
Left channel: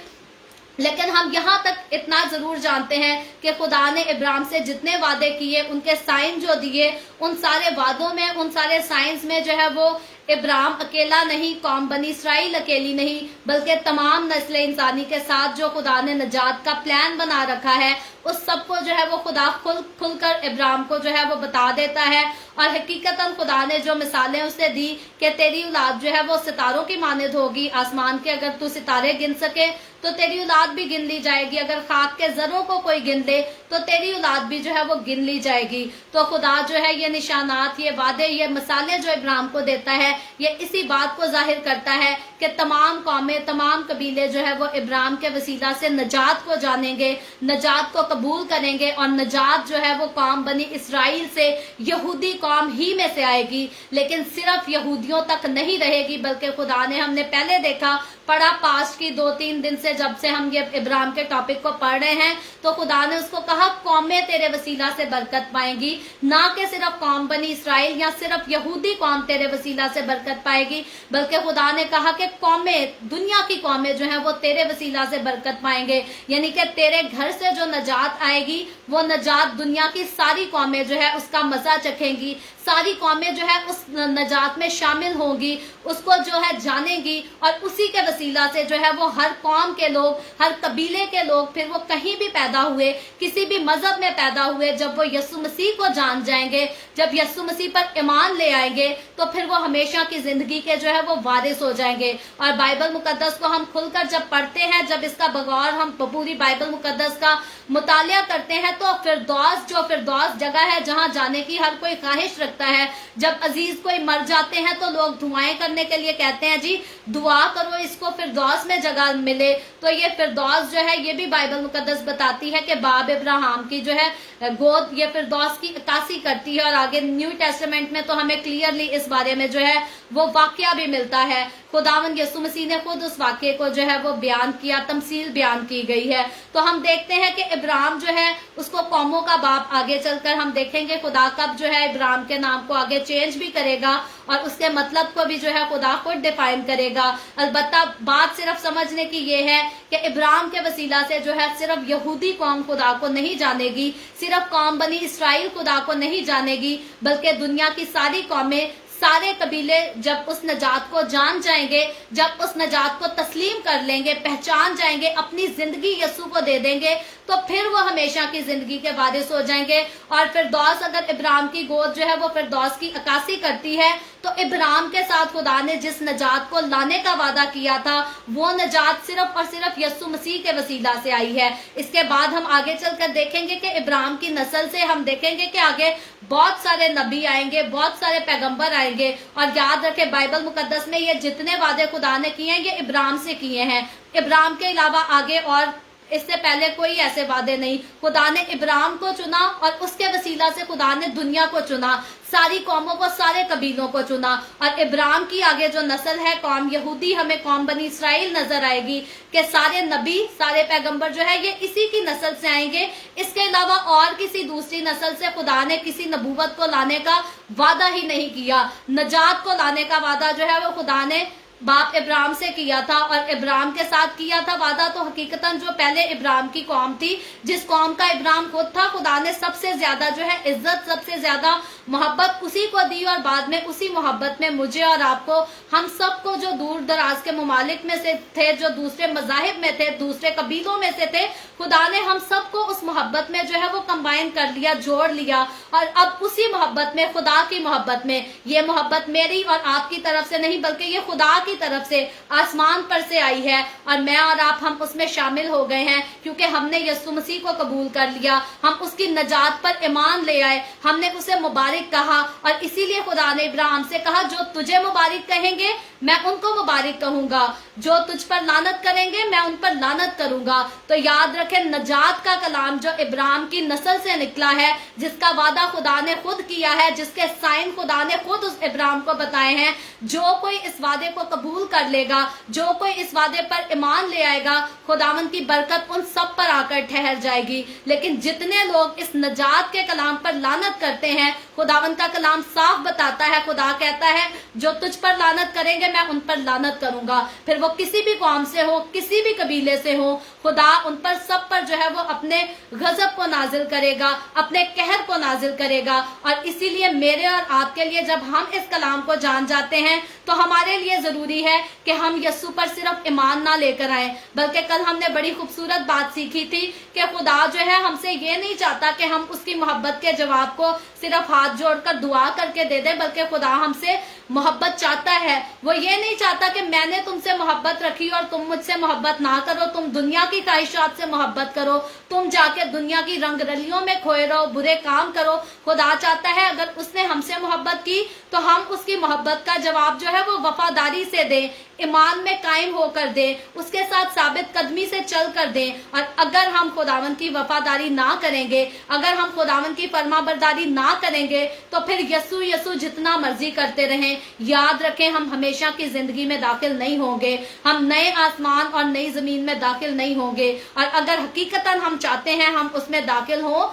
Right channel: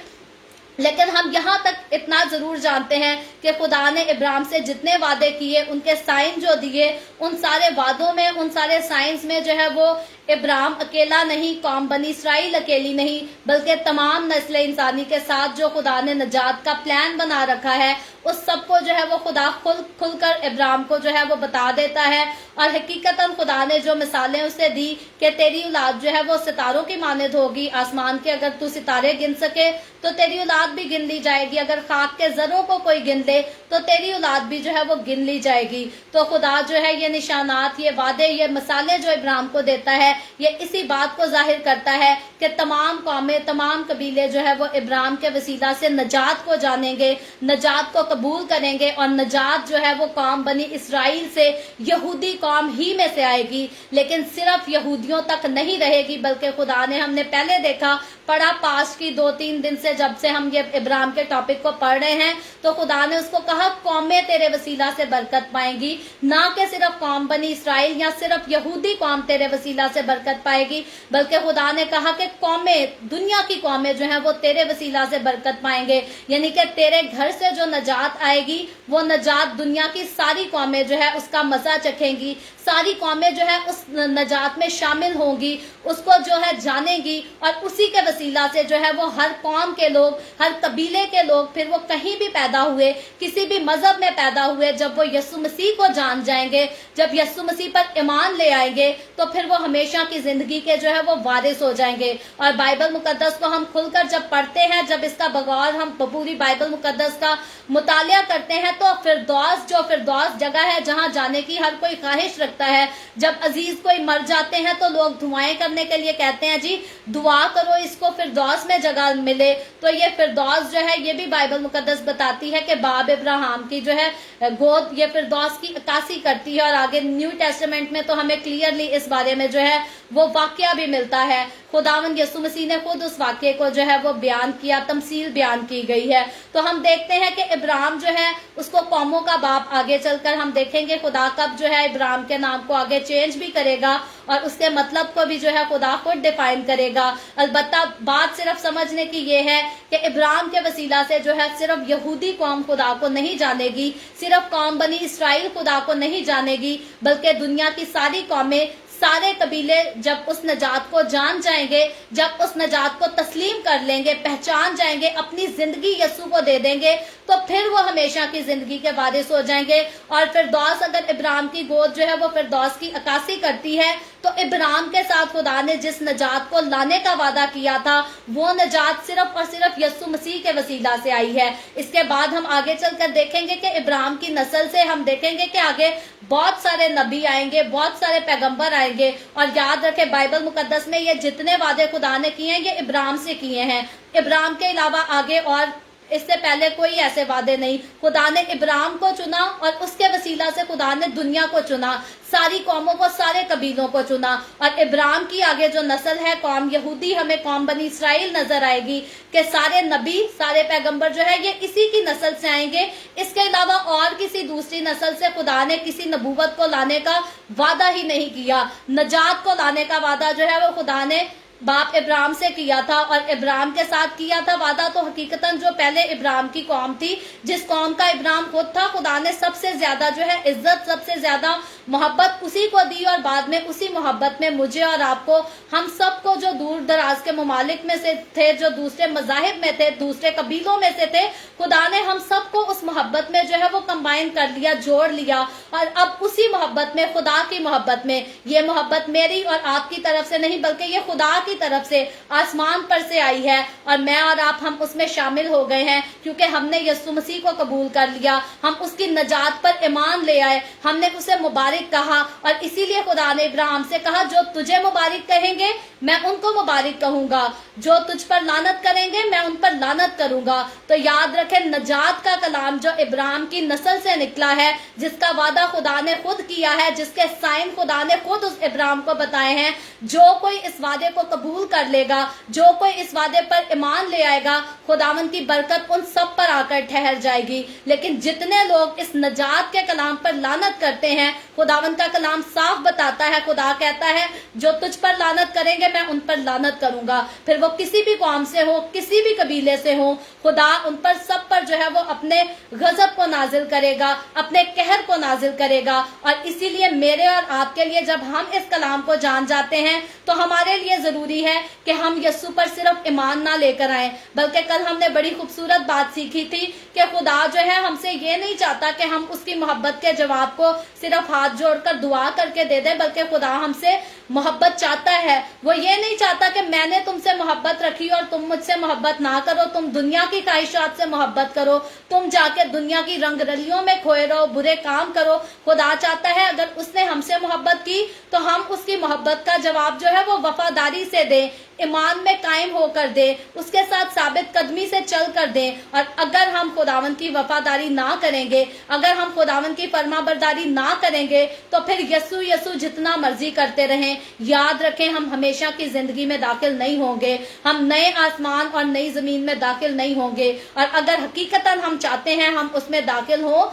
لیکن ہم یہاں تک اتنا ضرور جانتے ہیں کہ خدا نے ابراہیم سے جتنے وعدے کیے، ان کے سائن جو دیے، ان سارے وعدوں میں، ان سارے سائنز میں جو ہے وہ ابراہیم اکیلا نہیں، قوم بنی اسرائیل اکیلی نہیں، بلکہ تمام نسل انسانی کے ساتھ جو خدا نے نجات کا پلان بنا رکھا ہے، اس سب کو جو ہے وہ خدا کھل کر ابراہیم کو جو ہے وہ بتا دیتا ہے۔ اور حقیقتاً خدا نے جو مثالیں اسے دی کہ تیری اولاد جو ہے وہ ستاروں کی مانند ہوگی، آسمان کے اگر تو ستارے گن سکے تو تیری اولاد بھی گن لی جائے گی، اگر خاک کے ذروں کو کوئی گن لے تو تیری اولاد بھی جو ہے وہ گن لی جائے گی۔ تو خدا جو ہے یہ نشانات، یہ وعدے، یہ مثالیں جو ابراہیم کو دیتا ہے، یہ اسی بات کو ظاہر کرتا ہے کہ تمام قومیں، تمام قبیلے جو ہے وہ ابراہیم کے وسیلہ سے نجات کو جانیں گے، نجات کو قبول کریں گے، اور نجات جو ہے وہ قوم بنی اسرائیل سے، یہودی قوم ہی میں سے آئے گی، لیکن صرف یہودیوں تک نہیں رہے گی، بلکہ خدا نے، ہم نے پہلے دیکھا پڑھا پاسٹ کی 2-3 دن سے جب سے ہم یہ ابراہیم کے ٹاپک کو پڑھ رہے ہیں، تو خدا نے اس کو کہا قومیں تیرے وسیلہ سے برکت پائیں گی، نہ کہ صرف قوم بنی اسرائیل یا صرف یہودی قوم تیرے وسیلہ سے برکت پائے گی، بلکہ خدا نے کہا کہ قومیں، دنیا کی قومیں جو ہیں وہ تیرے وسیلہ سے برکت پائیں گے، یعنی کہ تیرے گھر سے جو نجات آئے گی وہ نجات دنیا کی ساری قومیں جو ہے اس کا مزہ چکھیں گی، ساری قومیں جو ہے اس نجات میں شامل ہوں گی، اس کو جو ہے جانیں گی، اور اسی کے وسیلہ سے جو ہے وہ ہر قوم के लोग, हर कबीले के लोग, फिर वो कहीं भी पैदा हुए, किसी भी मजहब में पैदा हुए, जब वो यीशु मसीह को जान जाएंगे, जब यीशु मसीह पर ईमान ले आएंगे, तो फिर वो हमेशा की जिंदगी के जो है वो वारिस हो जाएंगे। और बाइबल मुकद्दस को हम खुलकर जब पढ़ते हैं, जब इसका बगौर हम पूरी बाइबल मुकद्दस का मुतालिया करते हैं, तो फिरदौस जगह है जहां जाने की हर कोई ख्वाहिश रखता है। जब अजीज कोई मर जाते हैं तो लोग दुआएं करने के लिए कहते हैं, जी दुआ करो इसको फिरदौस में जगह मिले। तो ये फिरदौस जो है, ये भी बाइबल मुकद्दस बताती है कि बाब इब्राहिम की जो है गोद ये फिरदौस की अक्कासी करती है। और आगे न्यू टेस्टामेंट में तो हमें क्लियरली इस बारे में जो है वो वाक्य भी मिलता है। खुदावंद यीशु मसीह ने खुद उस वाक्य को जो है वो बयान किया, तमसील बयान की गई है। तो हम देखते हैं कि इब्राहिम जो है उसको कौमों का बाप आगे चलकर हम देखेंगे खुदा कब जो है इब्राहिम के नाम को आगे चेंज भी करेगा और उसके मतलब को भी जो है खुदा खुद डिफाइन करेगा। अलबत्ता बात सिर्फ समझने की ये है कि इब्राहिम के वसीला से जो है सिर्फ यहूदी कौम खुदा को नहीं जानेगी, सिर्फ कौम बनी इसराइल खुदा को नहीं जानेगी, बल्कि दुनिया की सारी कौमें, सारे कबीले जब उस नजात को जान जाएंगे, जब उस नजात को तस्लीम कर लेंगे, पहचान जाएंगे, अपनी जिंदगी यीशु को दे देंगे, तो फिर वो हमेशा की जिंदगी के वारिस हो जाएंगे। और फिरदौस, अगर इब्राहिम की गोद जो है वो फिरदौस की अक्कासी करती है, तो इब्राहिम के साथ खुदा ने जिस नजात को लाने का वादा किया था, वो नजात सिर्फ और सिर्फ यीशु मसीह के वसीला से आई है। इसके बाद हम आगे चलकर देखेंगे कि इब्राहिम की नस्ल से हम देखेंगे कि आगे बहुत सारे नबी आएंगे, बहुत सारे पैगंबर आएंगे। और याद रखें, बाइबल मुकद्दस में ये जितने वादे खुदा ने किए हैं, ये इब्राहिम से किए हैं। इब्राहिम के अलावा आगे और इससे पहले कोई ऐसे वादे नहीं। खुदा ने इब्राहिम को चुना और उसके वसीला से खुदा ने दुनिया को चुना, सारी कौमों को, सारे कबीलों को चुना। और इब्राहिम की आगे जो नस्ल है, कौम यहूदी, हमें कौम बनी इसराइल नजर आएगी कि सारे नबी, सारे पैगंबर जो है ये इसी की नस्ल से आएंगे। इसके अलावा और किसी दूसरी नस्ल से खुदा ने किसी नबूवत को लाने का वादा ही नहीं किया। नजात को लाने का वादा जो है वो खुदा ने बाप इब्राहिम से किया था और इब्राहिम के साथ किया था वादा। तो हकीकतन जो पहले इब्राहिम की कौम थी, जिस कौम का इब्राहिम खुद था, खुदा ने सबसे ज्यादा जो है इज्जत, सबसे ज्यादा मोहब्बत उसी को दी। और बाद में उसी मोहब्बत में मुझे और आपको, हम सबको जो दूर दराज के ममालिक में से थे, जो दूसरे मजाहिब में थे, दूसरे कबीलों में से थे, खुदा ने हम सबको उस मोहब्बत में जो है वो कंबाइन कर लिया, जोड़ लिया। और अब उसी मोहब्बत में, खुदा की मोहब्बत में, ये मोहब्बत मेरी और आपकी तरफ से नहीं बल्कि ये खुदा की तरफ से आसमान पर से आई है। और मैं और आप, हम उसमें शामिल हो गए हैं क्योंकि हमने यीशु मसीह को कबूल कर लिया, हम उसकी नजात पर ईमान ले आए, हमने उसे मुबारक कहा। और इसीलिए खुदा ने इब्राहिम से कहा, जो तुझे मुबारक कहेंगे मैं उनको मुबारक कहूंगा, जो तुझ पर लानत करेंगे मैं उन पर लानत करूंगा। तो याद रखें, नजात का कलाम जो इब्राहिम की नस्ल से निकला है, जिसका वादा खुदा ने खुद किया है, जिसके साइन खुदा ने खुद उस इब्राहिम को बताए हैं, जो कोई इस वादे को कबूल कर लेगा, जो कोई इस वादे पर ईमान ले आएगा, खुदावन की बरकत उन सब पर आकर ठहर जाएगी। लेकिन जितने लोग इस नजात के कलाम पर लानत करते हैं, खुदावन का कलाम साफ बताता है, खुदा कहता है जो तुझ पर लानत करेंगे मैं उन पर लानत करूंगा। फिर वो किसी भी कौम से हो, किसी भी कबीले से हो, खुदा उन पर सब पर जो है वो अपने गजब को नाजिल करेगा, अपने कहर को नाजिल करेगा। और इसीलिए मेरे और आपके लिए जब हम इस कलाम को जान जाते हैं, तो हमारे लिए जरूरी है कि हम यीशु पर सिर्फ ईमान ना लेकर आए, बल्कि कल हमने बड़ी खूबसूरत बात सीखी थी कि खुदा जो है हमसे ये नहीं चाहता कि हम उसकी मोहब्बत के जवाब को सिर्फ हाथ जोड़कर दुआ करके दे दें, बल्कि खुदा हमसे मोहब्बत चाहता है। वो ये नहीं चाहता कि मैंने तुमसे मोहब्बत रखी और तुम मुझसे मोहब्बत ना करो, तुम दुनिया की ख्वाहिशात से मोहब्बत करो, तुम जाके दुनिया की रंगरलियों में खोए रहो, बुरे काम करो। खुदा चाहता है अगर उसने हमसे मोहब्बत की तो हम उसकी मोहब्बत का जवाब जो है वो वफादारी से दें, ईमान में कायम होकर दे, उसके साथ साबित कदमी से चल कर दे। और अगर हम खुदावन की वफादारी ना करेंगे, अगर हम खुदावन की फरमाबरदारी ना करेंगे, तो फिर यसु यसु जितना मर्जी करते रहें, याद रखें हम हमेशा की जिंदगी में दाखिल नहीं होंगे, हम नए आसमान और नई जमीन में दाखिल नहीं होंगे। और अगर हकीकतन हम चाहते हैं हम उसमें दाखिल हो,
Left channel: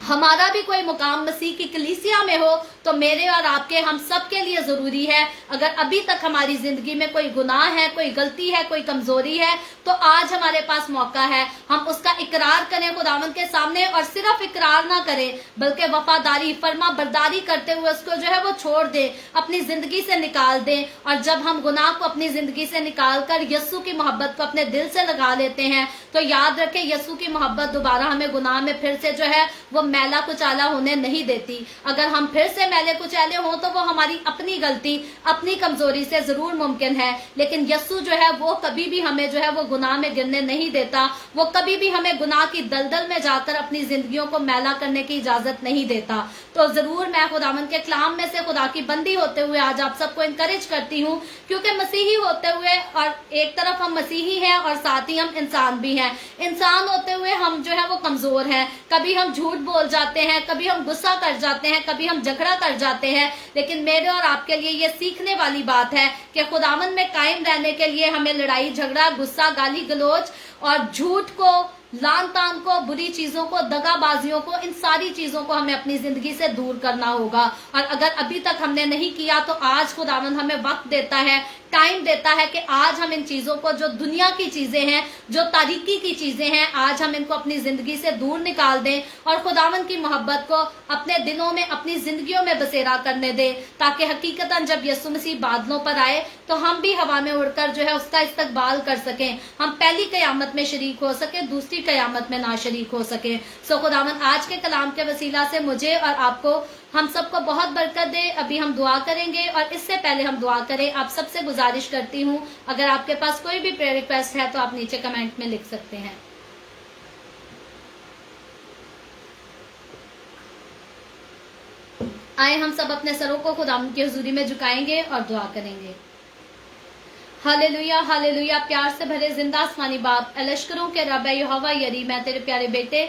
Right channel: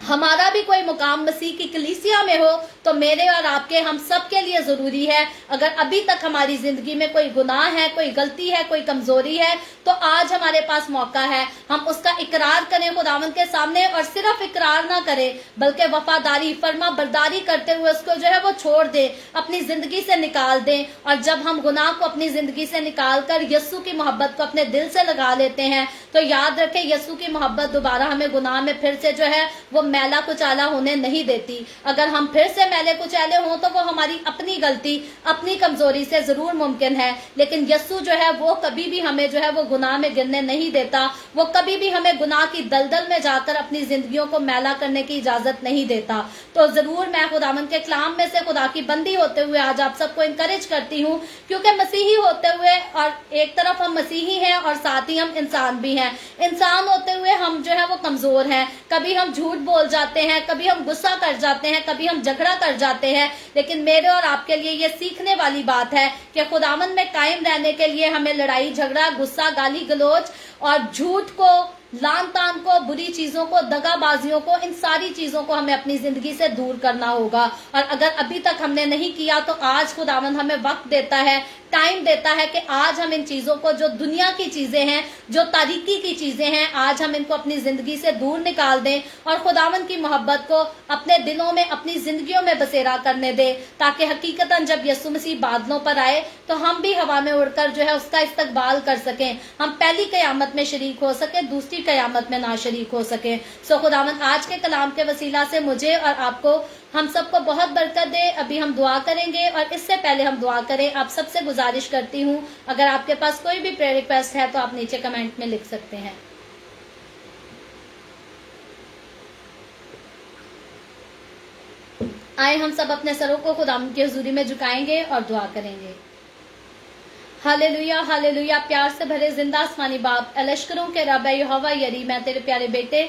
हमारा भी कोई मुकाम मसीह की कलीसिया में हो तो मेरे और आपके हम सब के लिए जरूरी है। अगर अभी तक हमारी जिंदगी में कोई गुनाह है, कोई गलती है, कोई कमजोरी है, तो आज हमारे पास मौका है हम उसका इकरार करें खुदावंद के सामने, और सिर्फ इकरार ना करें बल्कि वफादारी फर्मा बरदारी करते हुए उसको जो है वो छोड़ दे, अपनी जिंदगी से निकाल दे। और जब हम गुनाह को अपनी जिंदगी से निकाल कर यस्सु की मोहब्बत को अपने दिल से लगा लेते हैं तो याद रखें यस्सु की मोहब्बत दोबारा हमें गुनाह में फिर से जो है वो मैला कुचैला होने नहीं देती। अगर हम फिर से मैले कुचैले हों तो वो हमारी अपनी गलती, अपनी कमजोरी से जरूर मुमकिन है, लेकिन यस्सु जो है वो कभी भी हमें जो है वो गुनाह में गिरने नहीं देता। वो कभी भी हमें गुनाह की दलदल में जाकर अपनी जिंदगियों को मैला करने की इजाजत नहीं देता। तो जरूर मैं खुदावंद के कलाम में से खुदा की बंदी होते हुए आज आप सबको इनकरेज करती हूँ, क्योंकि मसीही होते हुए और एक तरफ हम मसीही हैं और साथ ही हम इंसान भी हैं। इंसान होते हुए हम जो है वो कमजोर हैं, कभी हम झूठ बोल जाते हैं, कभी हम गुस्सा कर जाते हैं, कभी हम झगड़ा कर जाते हैं। लेकिन मेरे और आपके लिए ये सीखने वाली बात है कि खुदावंद में कायम रहने के लिए हमें लड़ाई झगड़ा, गुस्सा, गाली गलौज और झूठ को, लान तान को, बुरी चीजों को, दगाबाजियों को, इन सारी चीजों को हमें अपनी जिंदगी से दूर करना होगा। और अगर अभी तक हमने नहीं किया तो आज खुदावंद हमें वक्त देता है, टाइम देता है कि आज हम इन चीजों को, जो दुनिया की चीजें हैं, जो तारीकी की चीजें हैं, आज हम इनको अपनी जिंदगी से दूर निकाल दें और खुदावंद की मोहब्बत को अपने दिलों में, अपनी जिंदगियों में बसेरा करने दें, ताकि हकीकतन जब यीशु मसीह बादलों पर आए तो हम भी हवा में उड़कर जो है उसका इस्तकबाल कर सकें। हम पहली कयामत में शरीक हो सके, दूसरी कयामत में ना शरीक हो सके। सो खुदावंद आज के कलाम के वसीला से मुझे और आपको, हम सबको बहुत बरकत दे। अभी हम दुआ करेंगे और इससे पहले हम दुआ करें, आप सबसे गुजारिश करती हूँ अगर आपके पास कोई भी प्रेयर रिक्वेस्ट है तो आप नीचे कमेंट में लिख सकते हैं। आए हम सब अपने सरों को खुदावंद की हुजूरी में झुकाएंगे और दुआ करेंगे। Hallelujah, hallelujah. प्यार से भरे जिंदा आसमानी बाप, लश्करों के रब यहोवा यरी, मैं तेरे प्यारे बेटे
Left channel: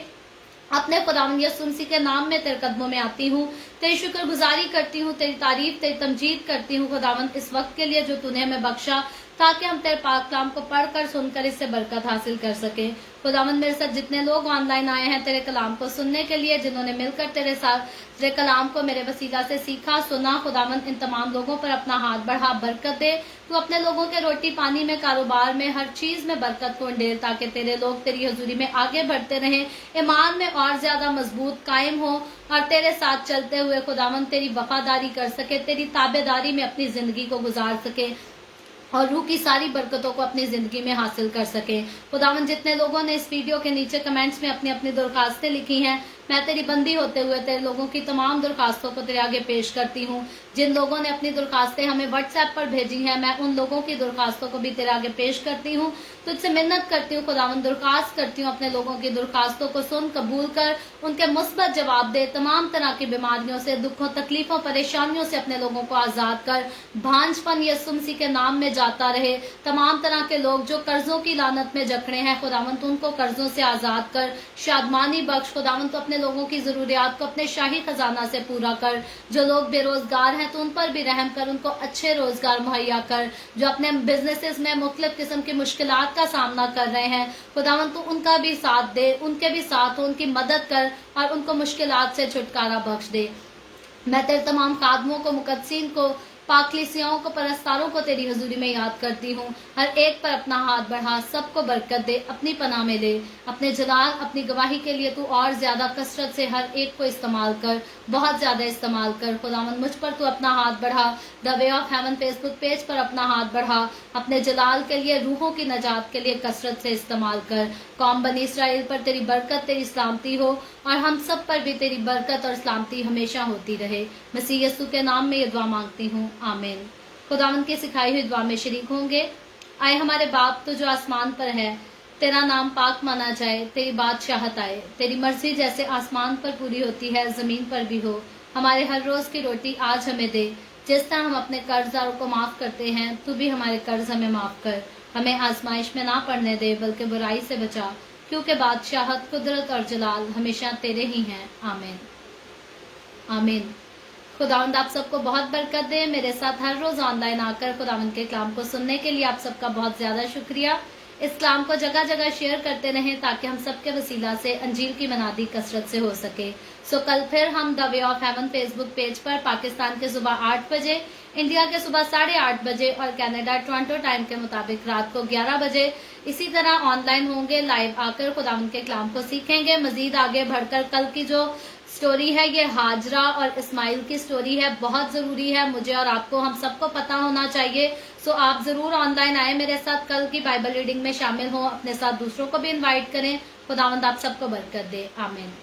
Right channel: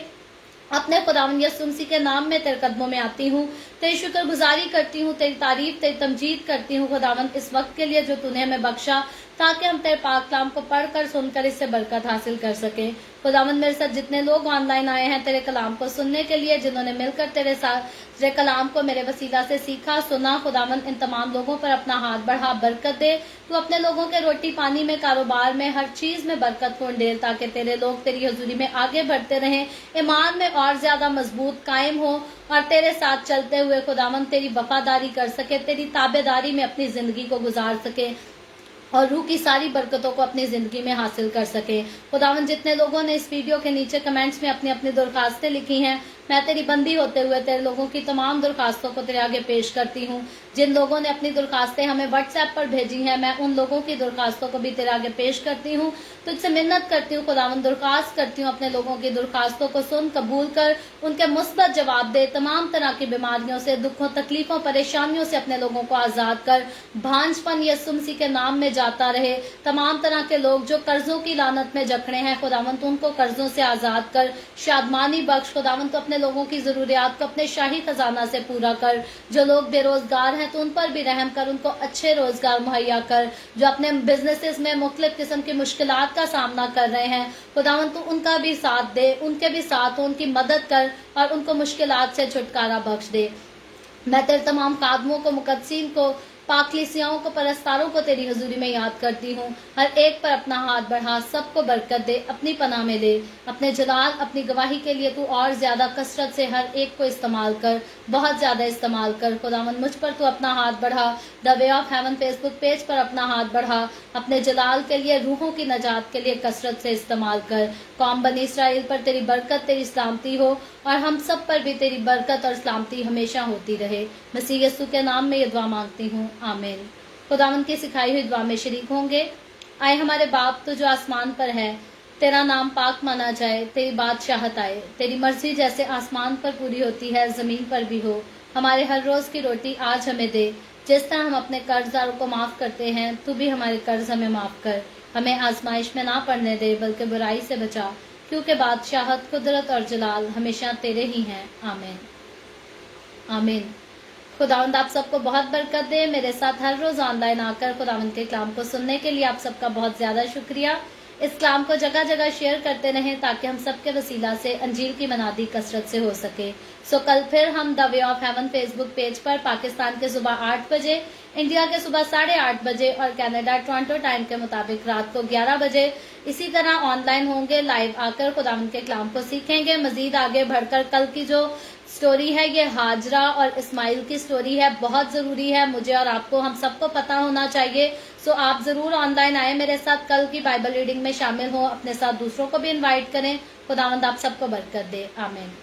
अपने खुदावंद यीशु मसीह के नाम में तेरे कदमों में आती हूँ, तेरी शुक्रगुजारी करती हूँ, तेरी तारीफ, तेरी तमजीद करती हूँ खुदावंद इस वक्त के लिए जो तूने हमें बख्शा, ताकि हम तेरे पाक कलाम को पढ़कर सुनकर इससे बरकत हासिल कर सके। खुदावंद मेरे साथ जितने लोग ऑनलाइन आए हैं तेरे कलाम को सुनने के लिए, जिन्होंने मिलकर तेरे साथ तेरे कलाम को मेरे वसीला से सीखा, सुना, खुदावंद इन तमाम लोगों पर अपना हाथ बढ़ा, बरकत दे। तू अपने लोगों के रोटी पानी में, कारोबार में, हर चीज में बरकत को डेल, ताकि तेरे लोग तेरी हजूरी में आगे बढ़ते रहें, ईमान में और ज्यादा मजबूत कायम हो और तेरे साथ चलते हुए खुदावंद तेरी वफादारी कर सके, तेरी ताबेदारी में अपनी जिंदगी को गुजार सके और रूह की सारी बरकतों को अपनी जिंदगी में हासिल कर सके। खुदावंद जितने लोगों ने इस वीडियो के नीचे कमेंट्स में अपनी अपनी दरखास्तें लिखी हैं, मैं तेरी बंदी होते हुए तेरे लोगों की तमाम दरखास्तों को तेरे आगे पेश करती हूँ। जिन लोगों ने अपनी दरखास्तें हमें व्हाट्सएप पर भेजी हैं, मैं उन लोगों की दरखास्तों को भी तेरे आगे पेश करती हूँ। तुझसे मिन्नत करती हूँ खुदावंद, दरखास्त करती हूँ अपने लोगों की दरखास्तों को सुन, कबूल कर, उनके मुस्बत जवाब दे। तमाम तरह की बीमारियों से, दुखों, तकलीफों, परेशानियों से अपने लोगों को आजाद कर। भांजपन यीशु मसीह के नाम में जाता रहे। तमाम तरह के लोग जो कर्जों की लानत में जकड़े हैं खुदावंद, उनको कर्जों से आजाद कर, शादमानी बख्श। खुदावंद तो अपने लोगों की जरूरियात को अपने शाही खजाना से पूरा कर। जो लोग बेरोजगार हैं तो उन पर भी रहम कर, उनको अच्छे रोजगार मुहैया कर। जो अपने बिजनेसेस में मुख्तलिफ किस्म की मुश्किलात का सामना कर रहे हैं खुदावंद तो उनका भी साथ दे, उनके भी साथ हो, उनकी मदद कर और उनको मुश्किलात से छुटकारा बख्श दे। मैं तेरे तमाम कादमों को, मुकद्दसीन को, पाकलीसियाओं को, परस्तारों को तेरी हजूरी में याद करती हूँ। हर एक पर अपना हाथ बढ़ा, सबको बरकत दे, अपनी पनाह में ले। अपने जलाल, अपनी गवाही के लिए तू और ज्यादा कसरत से हर एक को इस्तेमाल कर, बहुत ज्यादा इस्तेमाल कर। खुदावंद मुझ पर तू अपना हाथ बढ़ा। The way of haven Facebook page पर अपना हाथ बढ़ा, अपने जलाल के लिए, रूहों की नजात के लिए कसरत से इस्तेमाल कर। कौम बनी इसराइल पर तेरी बरकत, तेरी सलामती हो और हम सब पर भी तेरी बरकत और सलामती हमेशा होती रहे। मसीह यीशु के नाम में ये दुआ मांगती हूँ, आमीन। खुदावंद की सिखाई हुई दुआ में शरीक होंगे। आए हमारे बाप तो जो आसमान पर है, तेरा नाम पाक माना जाए, तेरी बादशाहत आए, तेरी मर्जी जैसे आसमान पर पूरी होती है जमीन पर भी हो। हमारे हर रोज की रोटी आज हमें दे। जिस तरह हम अपने कर्जदारों को माफ करते हैं, तू भी हमारे कर्ज हमें माफ कर। हमें आजमाइश में ना पड़ने दे, बल्कि बुराई से बचा, क्योंकि बादशाहत, कुदरत और जलाल हमेशा तेरे ही हैं, आमीन, आमीन। खुदावंद आप सबको बहुत बरकत दे। मेरे साथ हर रोज ऑनलाइन आकर खुदावंद के कलाम को सुनने के लिए आप सबका बहुत ज्यादा शुक्रिया। इस कलाम को जगह जगह शेयर करते रहें, ताकि हम सबके वसीला से अंजील की मनादी कसरत से हो सके। सो कल फिर हम the way of haven Facebook page पर पाकिस्तान के सुबह 8 बजे, इंडिया के सुबह 8:30 बजे और कनाडा टोरंटो टाइम के मुताबिक रात को 11 बजे इसी तरह ऑनलाइन होंगे। लाइव आकर खुदावंद के कलाम को सीखेंगे। मजीद आगे बढ़कर कल की जो स्टोरी है ये हाजरा और इस्माइल की स्टोरी है, बहुत जरूरी है, मुझे और आपको, हम सबको पता होना चाहिए। सो आप जरूर ऑनलाइन आए मेरे साथ, कल की बाइबल रीडिंग में शामिल हो, अपने साथ दूसरों को भी इनवाइट करें। खुदावंद आप सबको बरकत दे, आमीन।